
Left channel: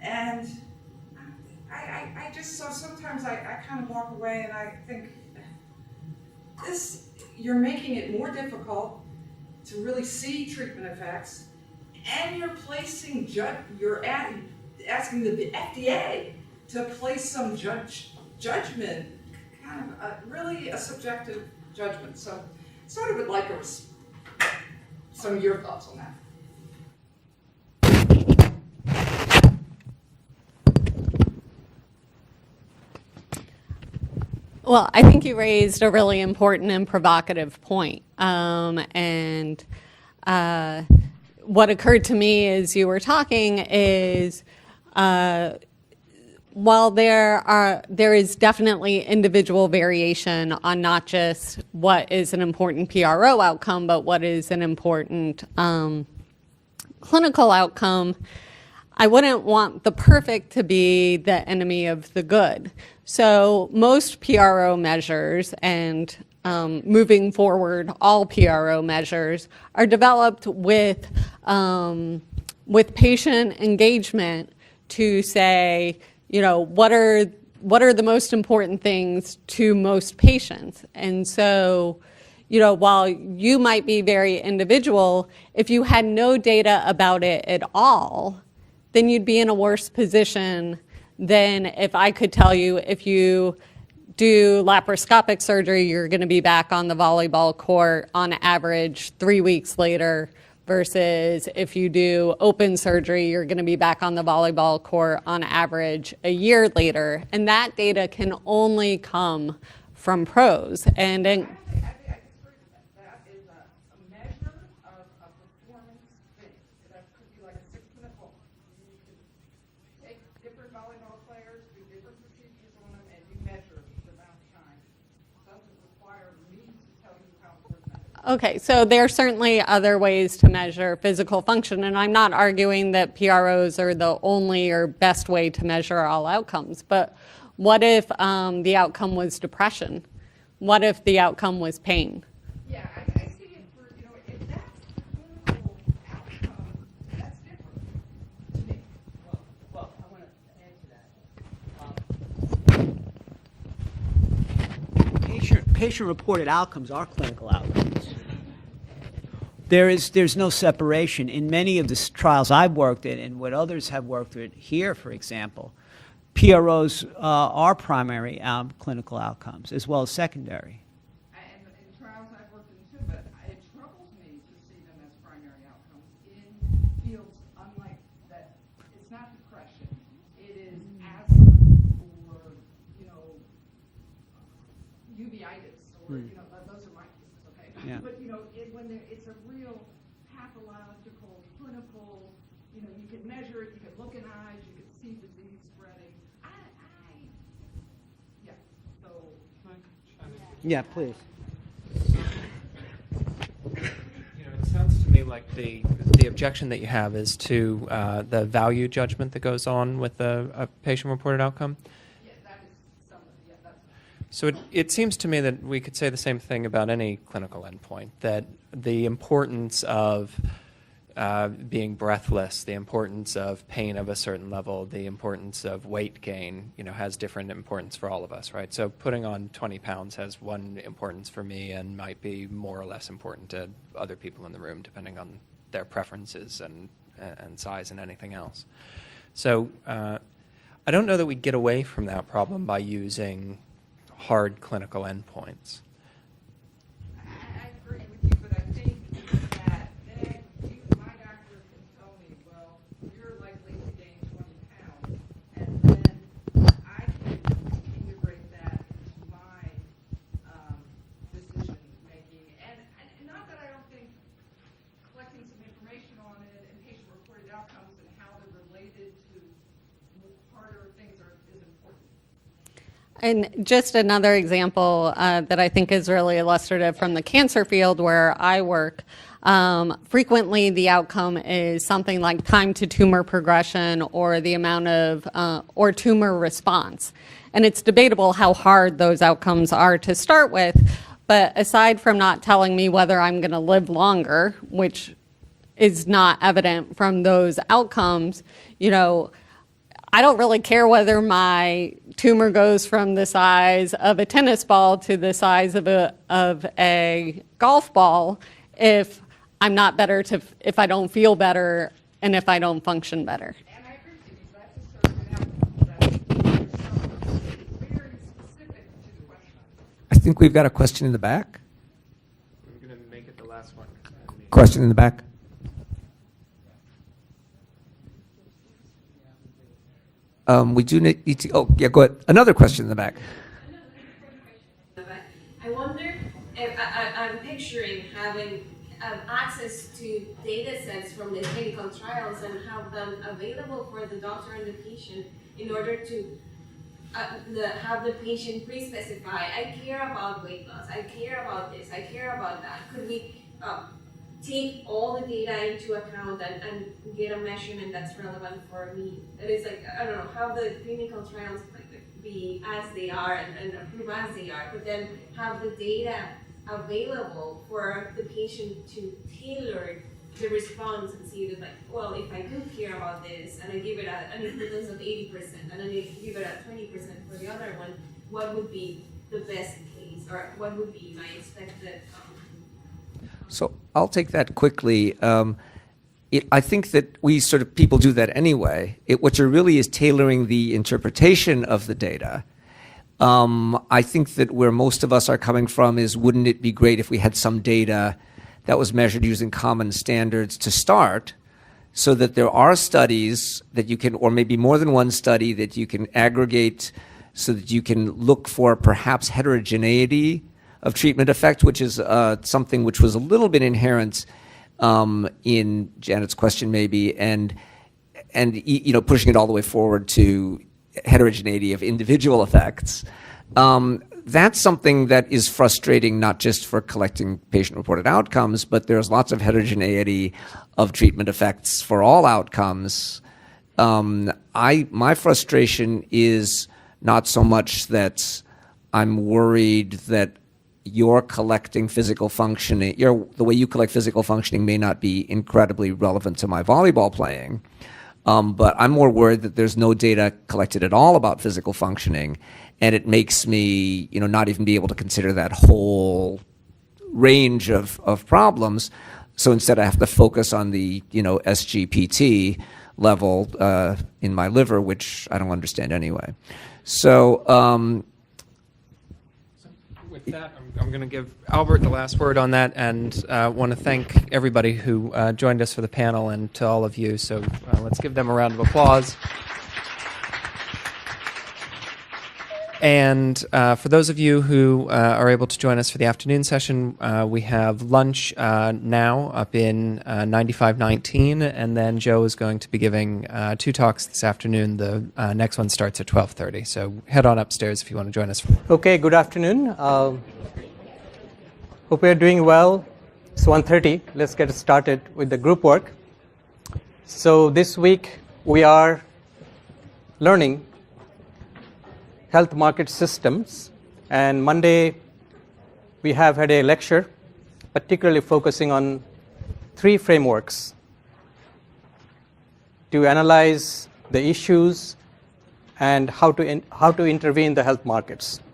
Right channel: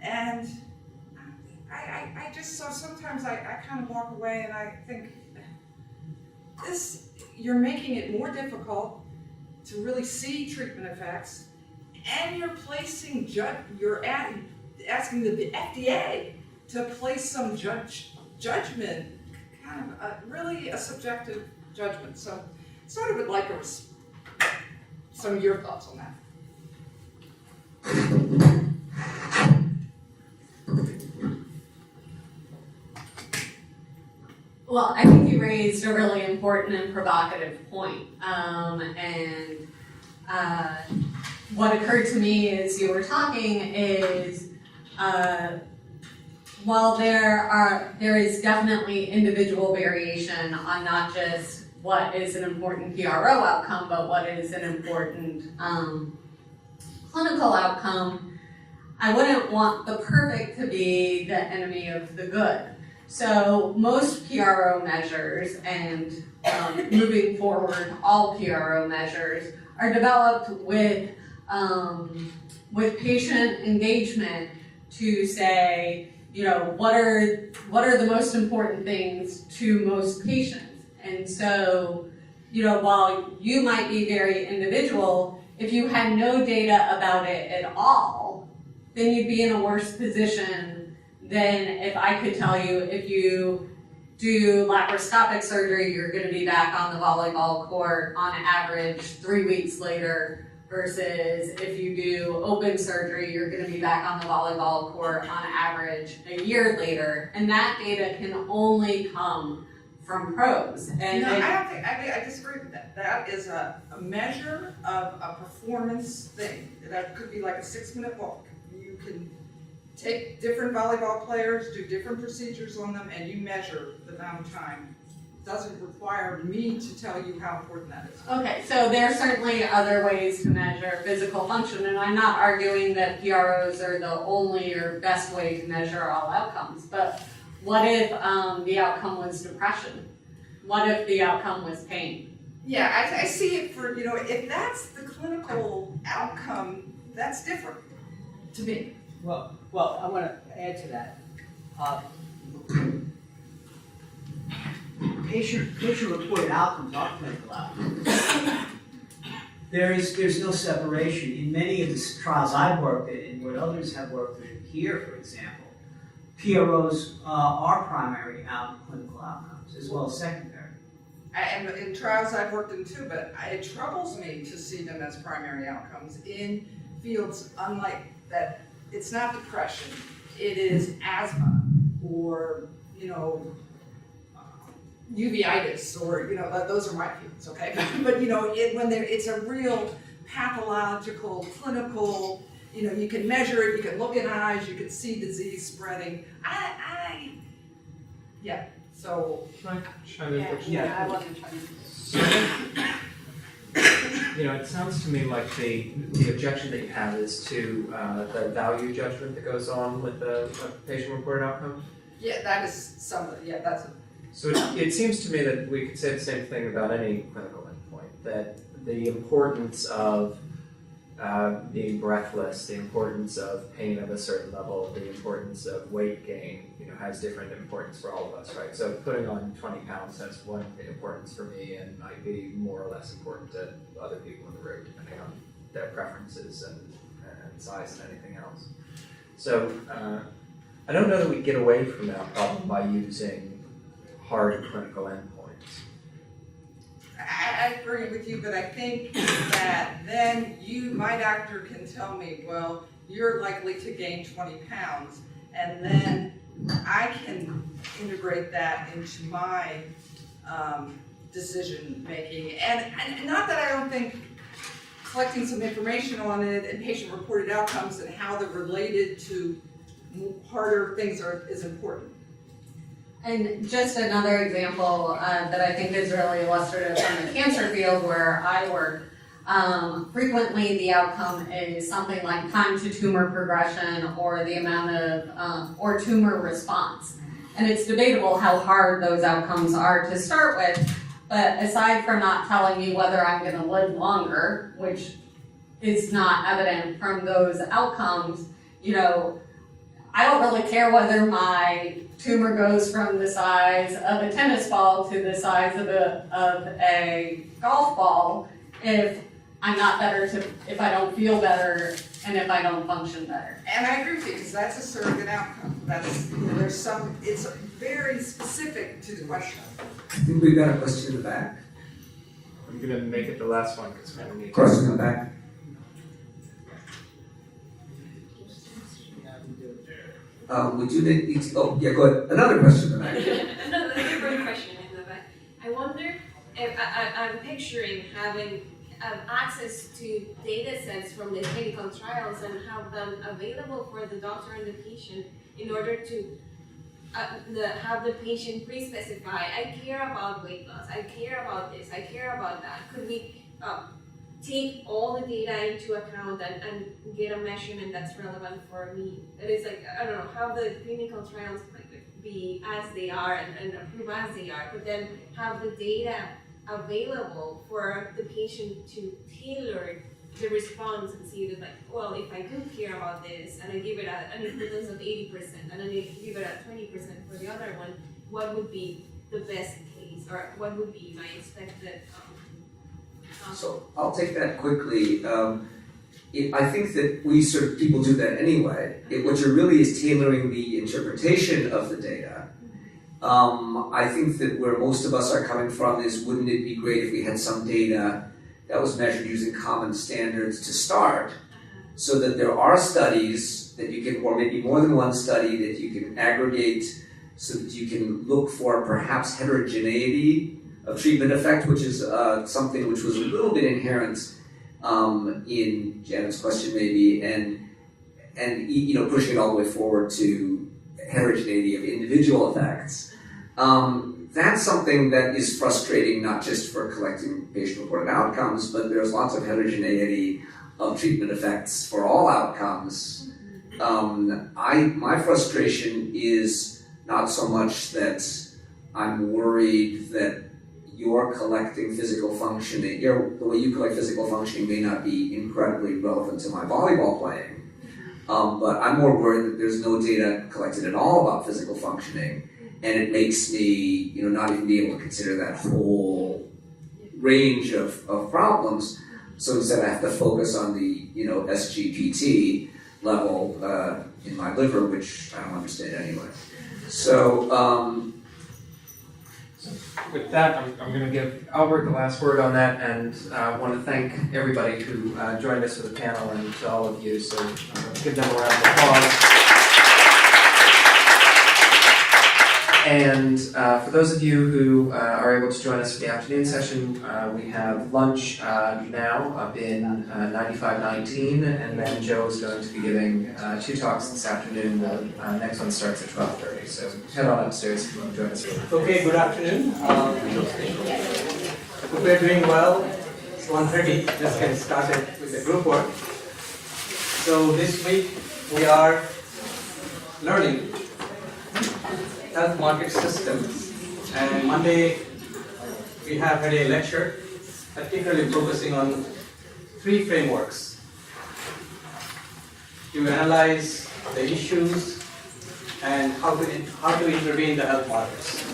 And I just, so sometimes I kind of walk away and I think, you're making it more difficult to really see treatment effects, and you're placing asking the FDA to place some judgment, kind of really a subjective judgment. So, sort of would like some of your thoughts on that. Well, I think you raised a really important and provocative point. And what occurred to me as you were talking is while there is definitely individual variation on not just what is an important PRO outcome, but what is an important clinical outcome, I wouldn't want the perfect to be the enemy of the good. So most PRO measures and moving forward, all PRO measures are developed with patient engagement to say, what are the most important things to most patients. And so, while you might be very individual, if you had no data about it at all, then you'd be in a worse position than if I could tell you if you do laparoscopic surgery, you're going to be back on the volleyball court on average 3 weeks later, versus if you do open surgery, you're going to be back on the volleyball court on average a year later. And that data can only come from pros. And no, I disagree with that. That is a measure of a performance thing. That could be like a 6-minute walk. You can take different volleyball players, do different procedures on them, and you measure the amount of time. It doesn't require me to tell you how important that is. Okay, so there are certainly other ways to measure physical function, and I'm not arguing that PROs are the only or best way to measure all outcomes, but what if the outcome was depression? What if the outcome was pain? Yeah, I see it for, if that's the clinical outcome, that's different to me. Well, I want to add to that. Patient-reported outcomes are clinical outcomes. There's no separation. In many of the trials I've worked in and what others have worked with here, for example, PROs are primary clinical outcomes as well as secondary. And in trials I've worked in too, but it troubles me to see them as primary outcomes in fields unlike that. It's not depression, it is asthma or, uveitis or, those are my fields, okay? But, it's a real pathological, clinical, you can measure it, you can look in eyes, you can see disease spreading. So. Yeah. I wasn't trying to. It sounds to me like the objection that you have is to the value judgment that goes on with a patient-reported outcome. Yeah, that is that's a. So it seems to me that we could say the same thing about any clinical endpoint, that the importance of being breathless, the importance of pain of a certain level, the importance of weight gain, has different importance for all of us, right? So putting on 20 pounds has one importance for me and might be more or less important to other people in the room, depending on their preferences and size and anything else. So I don't know that we get away from that problem by using hard clinical endpoints. I agree with you, but I think that then my doctor can tell me, well, you're likely to gain 20 pounds, and then I can integrate that into my decision making. And not that I don't think collecting some information on it and patient-reported outcomes and how they're related to harder things is important. And just another example that I think is really illustrative from the cancer field where I work, frequently the outcome is something like time to tumor progression or the amount of, or tumor response. And it's debatable how hard those outcomes are to start with, but aside from not telling me whether I'm going to live longer, which is not evident from those outcomes, I don't really care whether my tumor goes from the size of a tennis ball to the size of a golf ball if I'm not better, if I don't feel better and if I don't function better. And I agree with you, because that's a surrogate outcome. It's very specific to the question. I think we've got a question in the back. I'm going to make it the last one. Question in the back. We do need to. Oh, yeah, go ahead. Another question in the back. Another different question in the back. I wonder if I'm picturing having access to data sets from the clinical trials and have them available for the doctor and the patient in order to have the patient pre-specify, I care about weight loss, I care about this, I care about that. Could we take all the data into account and get a measurement that's relevant for me? That is like, I don't know, have the clinical trials be as they are and approve as they are, but then have the data available for the patient to tailor the response and see that, like, well, if I do care about this and I give it an importance of 80% and then I give it a 20% for the other one, what would be the best case, or what would be my expected So I'll take that quickly. I think that people do that anyway. What you're really is tailoring the interpretation of the data. I think that where most of us are coming from is, wouldn't it be great if we had some data that was measured using common standards to start, so that there are studies that you can, or maybe more than one study that you can aggregate so that you can look for perhaps heterogeneity of treatment effect, which is something which was a little bit inherent in Janet's question, maybe, and pushing it all the way forward to heterogeneity of individual effects. That's something that is frustrating, not just for collecting patient-reported outcomes, but there's lots of heterogeneity of treatment effects for all outcomes. My frustration is not so much that I'm worried that you're collecting physical functioning, the way you collect physical functioning may not be incredibly relevant to my volleyball playing. But I'm more worried that there's no data collected at all about physical functioning, and it makes me, not even be able to consider that whole range of problems. So instead, I have to focus on the, SGPT level in my liver, which I don't understand anyway. So with that, I'm going to give Albert the last word on that, and want to thank everybody who joined us for the panel, and to all of you. So let's give them a round of applause. And for those of you who are able to join us for the afternoon session, we have lunch now up in 9519, and then Joe is going to be giving 2 talks this afternoon. The next one starts at 12:30. So head on upstairs if you want to join us. Okay, good afternoon. Hope we are doing well. It's 1:30. Let's get started with the group work. So this week we are learning health market systems, and Monday we have had a lecture particularly focusing on 3 frameworks to analyze the issues and how to intervene in the health markets.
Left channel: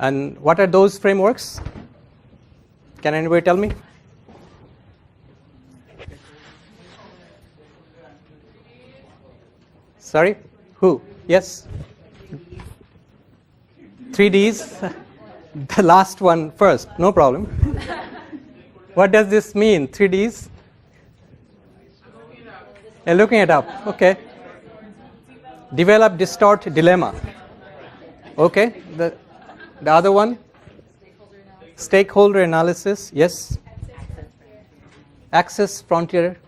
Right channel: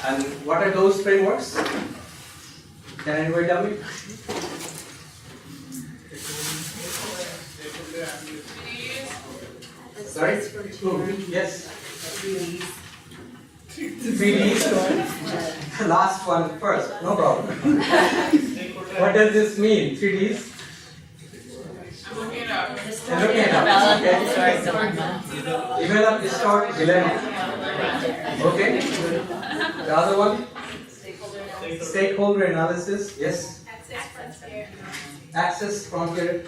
And what are those frameworks? Can anybody tell me? Sorry? Who? Yes? 3Ds? The last one first, no problem. What does this mean, 3Ds? You're looking it up. Okay. Develop, distort, dilemma. Okay. The other one? Stakeholder analysis. Yes? Access frontier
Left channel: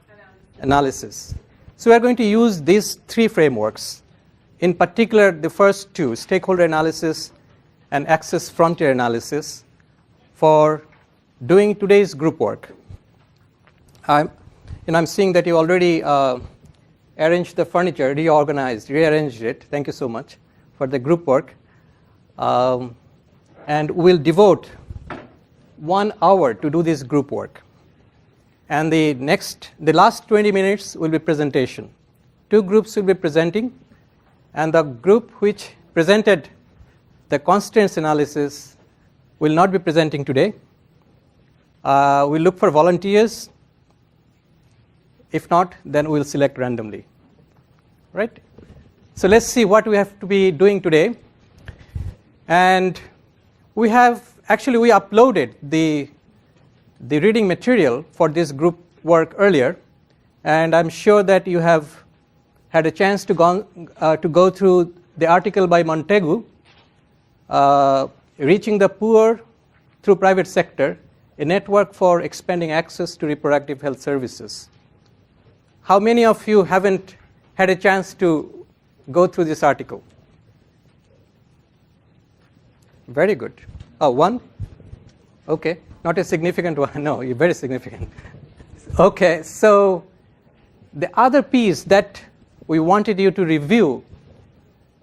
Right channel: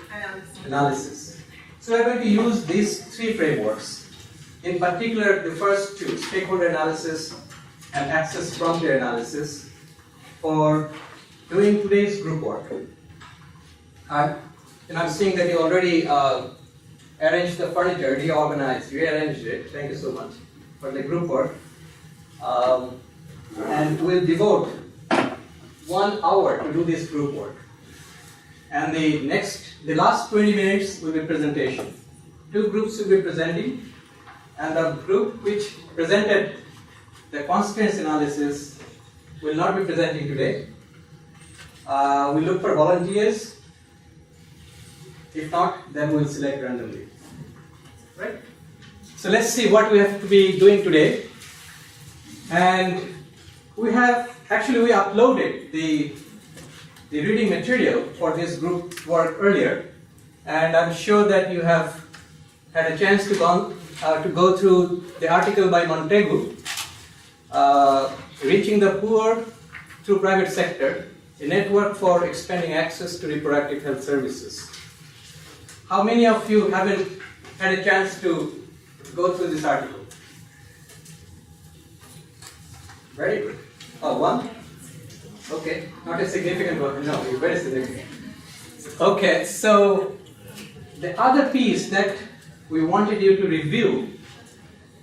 analysis. So we're going to use these 3 frameworks. In particular, the first 2, stakeholder analysis and access frontier analysis, for doing today's group work. I'm seeing that you already arranged the furniture, rearranged it. Thank you so much for the group work. And we'll devote 1 hour to do this group work. And the last 20 minutes will be presentation. 2 groups will be presenting, and the group which presented the constraints analysis will not be presenting today. We'll look for volunteers. If not, then we'll select randomly. Right? So let's see what we have to be doing today. And we uploaded the reading material for this group work earlier, and I'm sure that you have had a chance to go through the article by Montegu, Reaching the Poor Through Private Sector, a network for expanding access to reproductive health services. How many of you haven't had a chance to go through this article? Very good. Oh, 1? Okay, not a significant one. No, you're very significant. Okay, so the other piece that we wanted you to review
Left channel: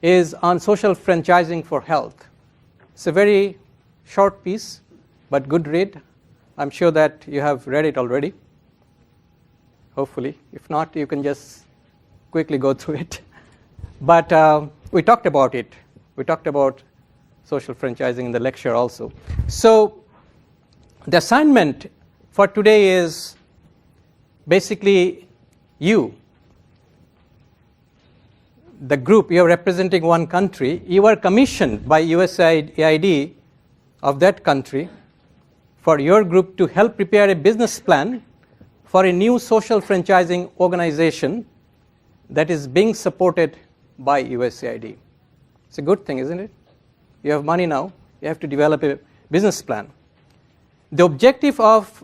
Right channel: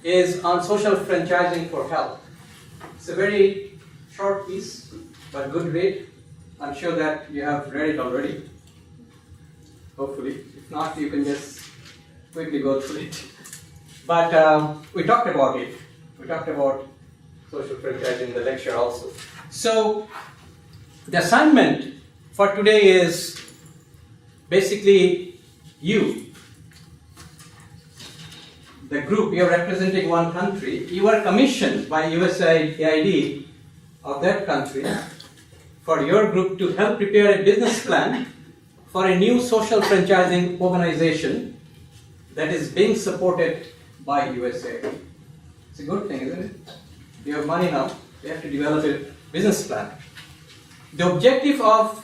is on social franchising for health. It's a very short piece, but good read. I'm sure that you have read it already, hopefully. If not, you can just quickly go through it. But we talked about it. We talked about social franchising in the lecture also. So the assignment for today is basically you, the group, you're representing one country. You are commissioned by USAID of that country for your group to help prepare a business plan for a new social franchising organization that is being supported by USAID. It's a good thing, isn't it? You have money now, you have to develop a business plan. The objective of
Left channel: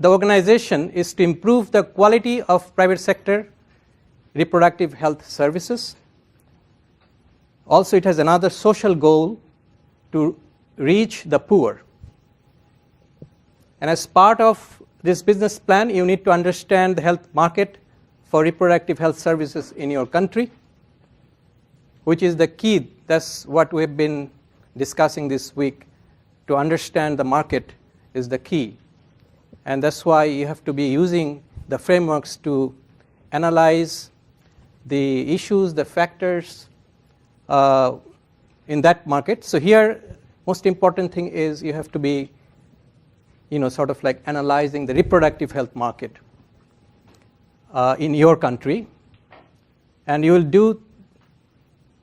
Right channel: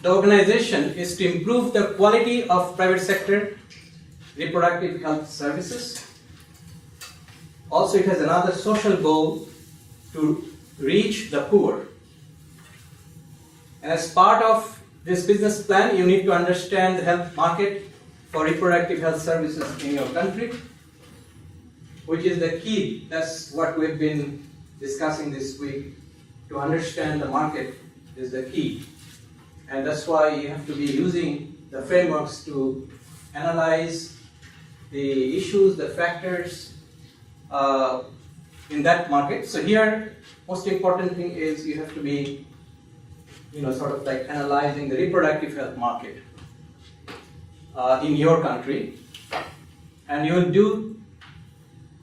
the organization is to improve the quality of private sector reproductive health services. Also, it has another social goal to reach the poor. And as part of this business plan, you need to understand the health market for reproductive health services in your country, which is the key. That's what we've been discussing this week, to understand the market is the key. And that's why you have to be using the frameworks to analyze the issues, the factors in that market. So here, most important thing is you have to be, sort of like analyzing the reproductive health market in your country. And you will do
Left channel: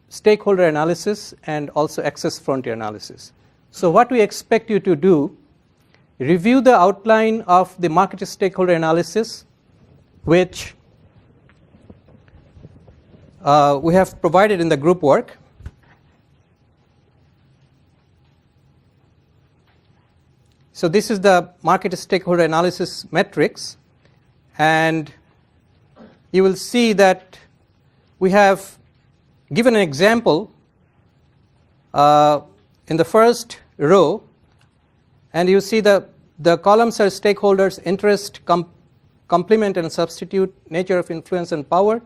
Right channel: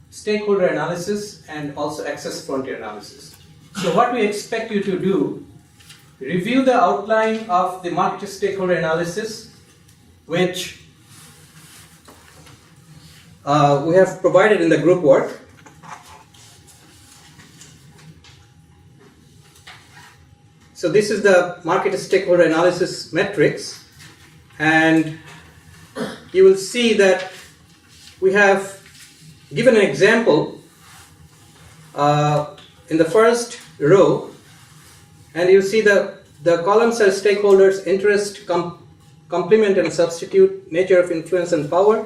stakeholder analysis and also access frontier analysis. So what we expect you to do, review the outline of the market stakeholder analysis, which we have provided in the group work. So this is the market stakeholder analysis matrix, and you will see that we have given an example in the first row, and you see the columns are stakeholders, interest, complement and substitute, nature of influence and power,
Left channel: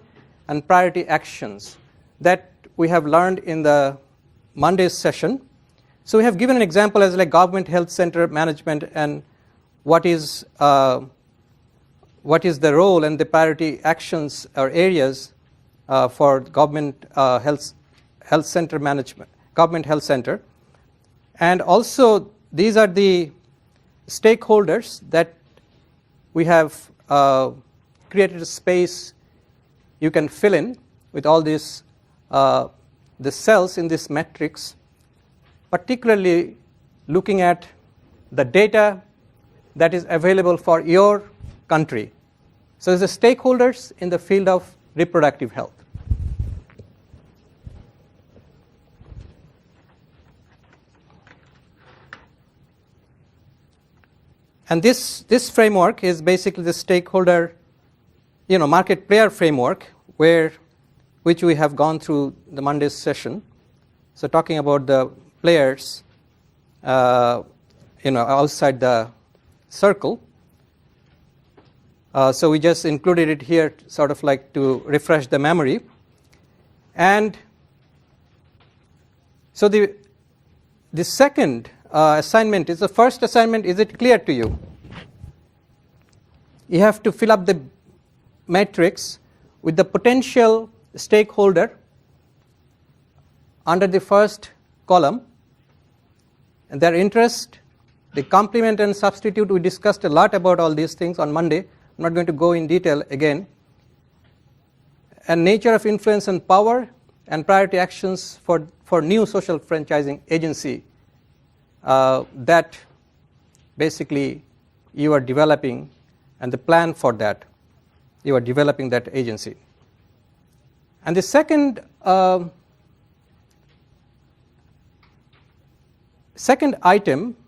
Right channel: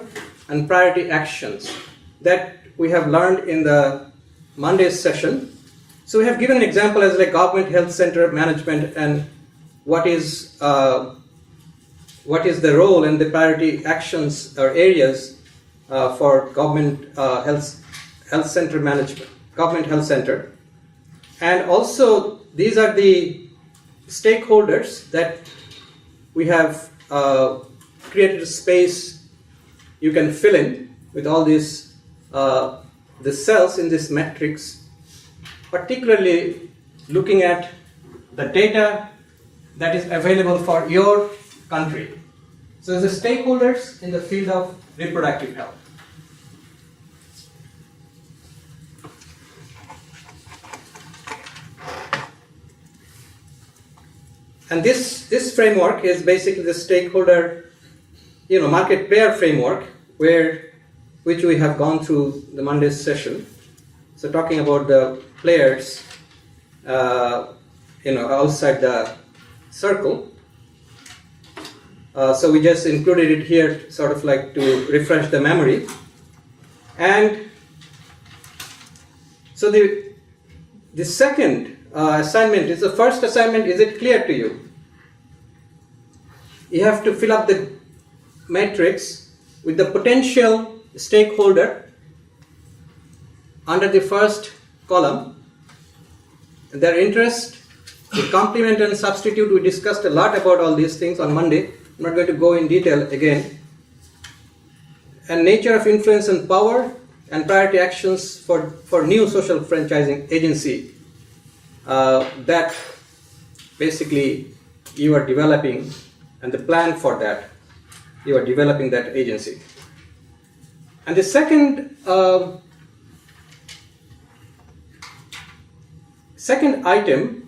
and priority actions that we have learned in the Monday's session. So we have given an example as like government health center management and what is the role and the priority actions or areas for government health center management, government health center. And also these are the stakeholders that we have created a space you can fill in with all these the cells in this matrix, particularly looking at the data that is available for your country. So the stakeholders in the field of reproductive health. And this framework is basically the stakeholder, market player framework, which we have gone through the Monday's session. So talking about the players, outside the circle. So we just included it here, sort of like to refresh the memory. And so the second assignment is the first assignment. Is it clear to you? You have to fill up the matrix with the potential stakeholder under the first column, their interest, the complement and substitute. We discussed a lot about all these things on Monday. I'm not going to go in detail again. And nature of influence and power and priority actions for new social franchising agency that basically you are developing, and the plan for that, you are developing that agency. And the second item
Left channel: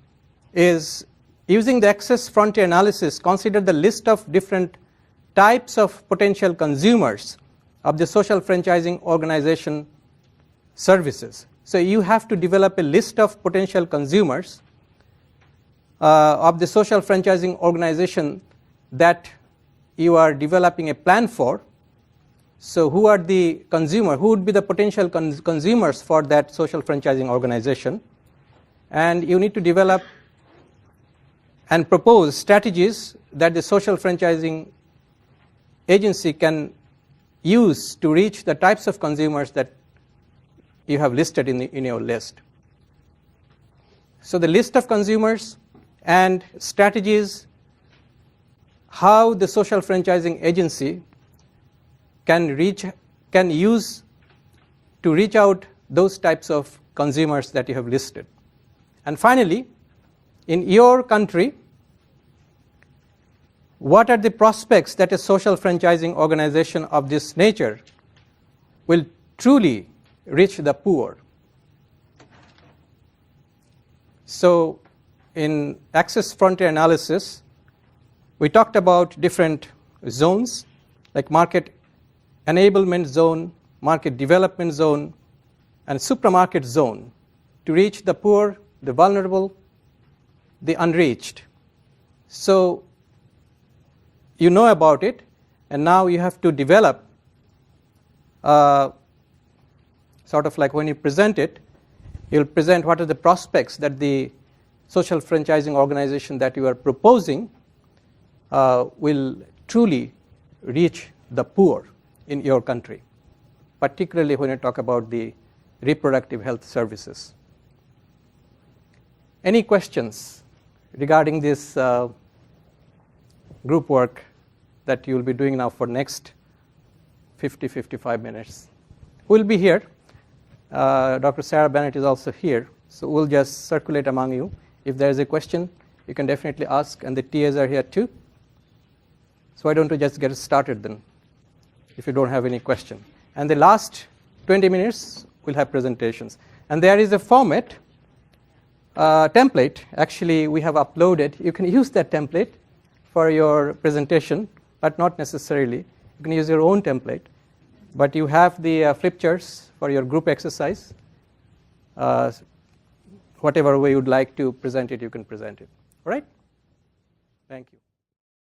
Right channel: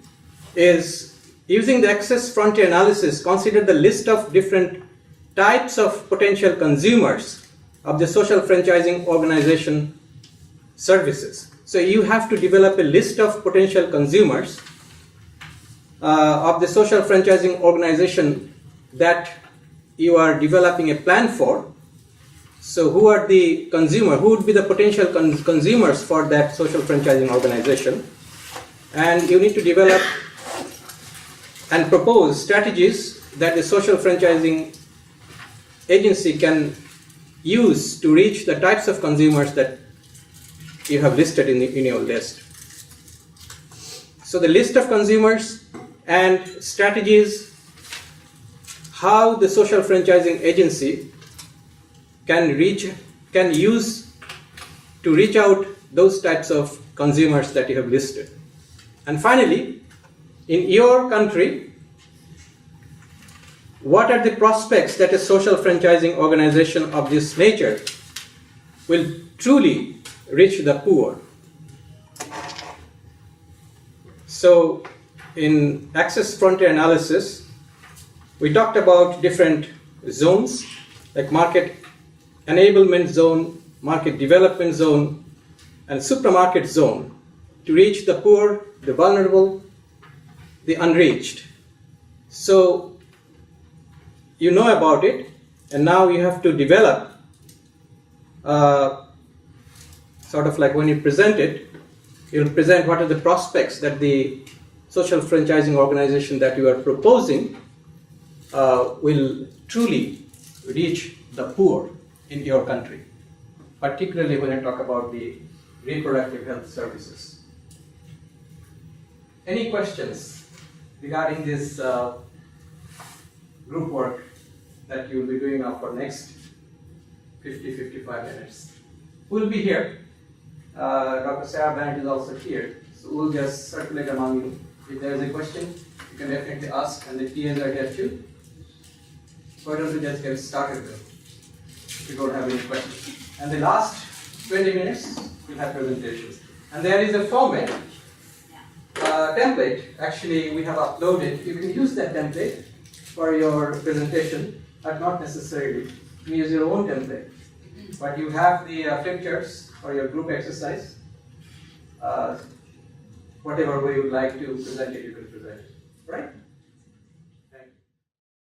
is using the access frontier analysis, consider the list of different types of potential consumers of the social franchising organization services. So you have to develop a list of potential consumers of the social franchising organization that you are developing a plan for. So who are the consumer? Who would be the potential consumers for that social franchising organization? And you need to develop and propose strategies that the social franchising agency can use to reach the types of consumers that you have listed in your list. So the list of consumers and strategies, how the social franchising agency can use to reach out those types of consumers that you have listed. And finally, in your country, what are the prospects that a social franchising organization of this nature will truly reach the poor? So in access frontier analysis, we talked about different zones like market enablement zone, market development zone, and supramarket zone to reach the poor, the vulnerable, the unreached. So you know about it, and now you have to develop, sort of like when you present it, you'll present what are the prospects that the social franchising organization that you are proposing will truly reach the poor in your country, particularly when I talk about the reproductive health services. Any questions regarding this group work that you will be doing now for next 50-55 minutes? We'll be here. Dr. Sarah Bennett is also here, so we'll just circulate among you. If there is a question, you can definitely ask, and the TAs are here too. So why don't we just get started then, if you don't have any questions. And the last 20 minutes, we'll have presentations. And there is a format, template, actually we have uploaded. You can use that template for your presentation, but not necessarily. You can use your own template. But you have the flip charts for your group exercise. Whatever way you'd like to present it, you can present it. All right?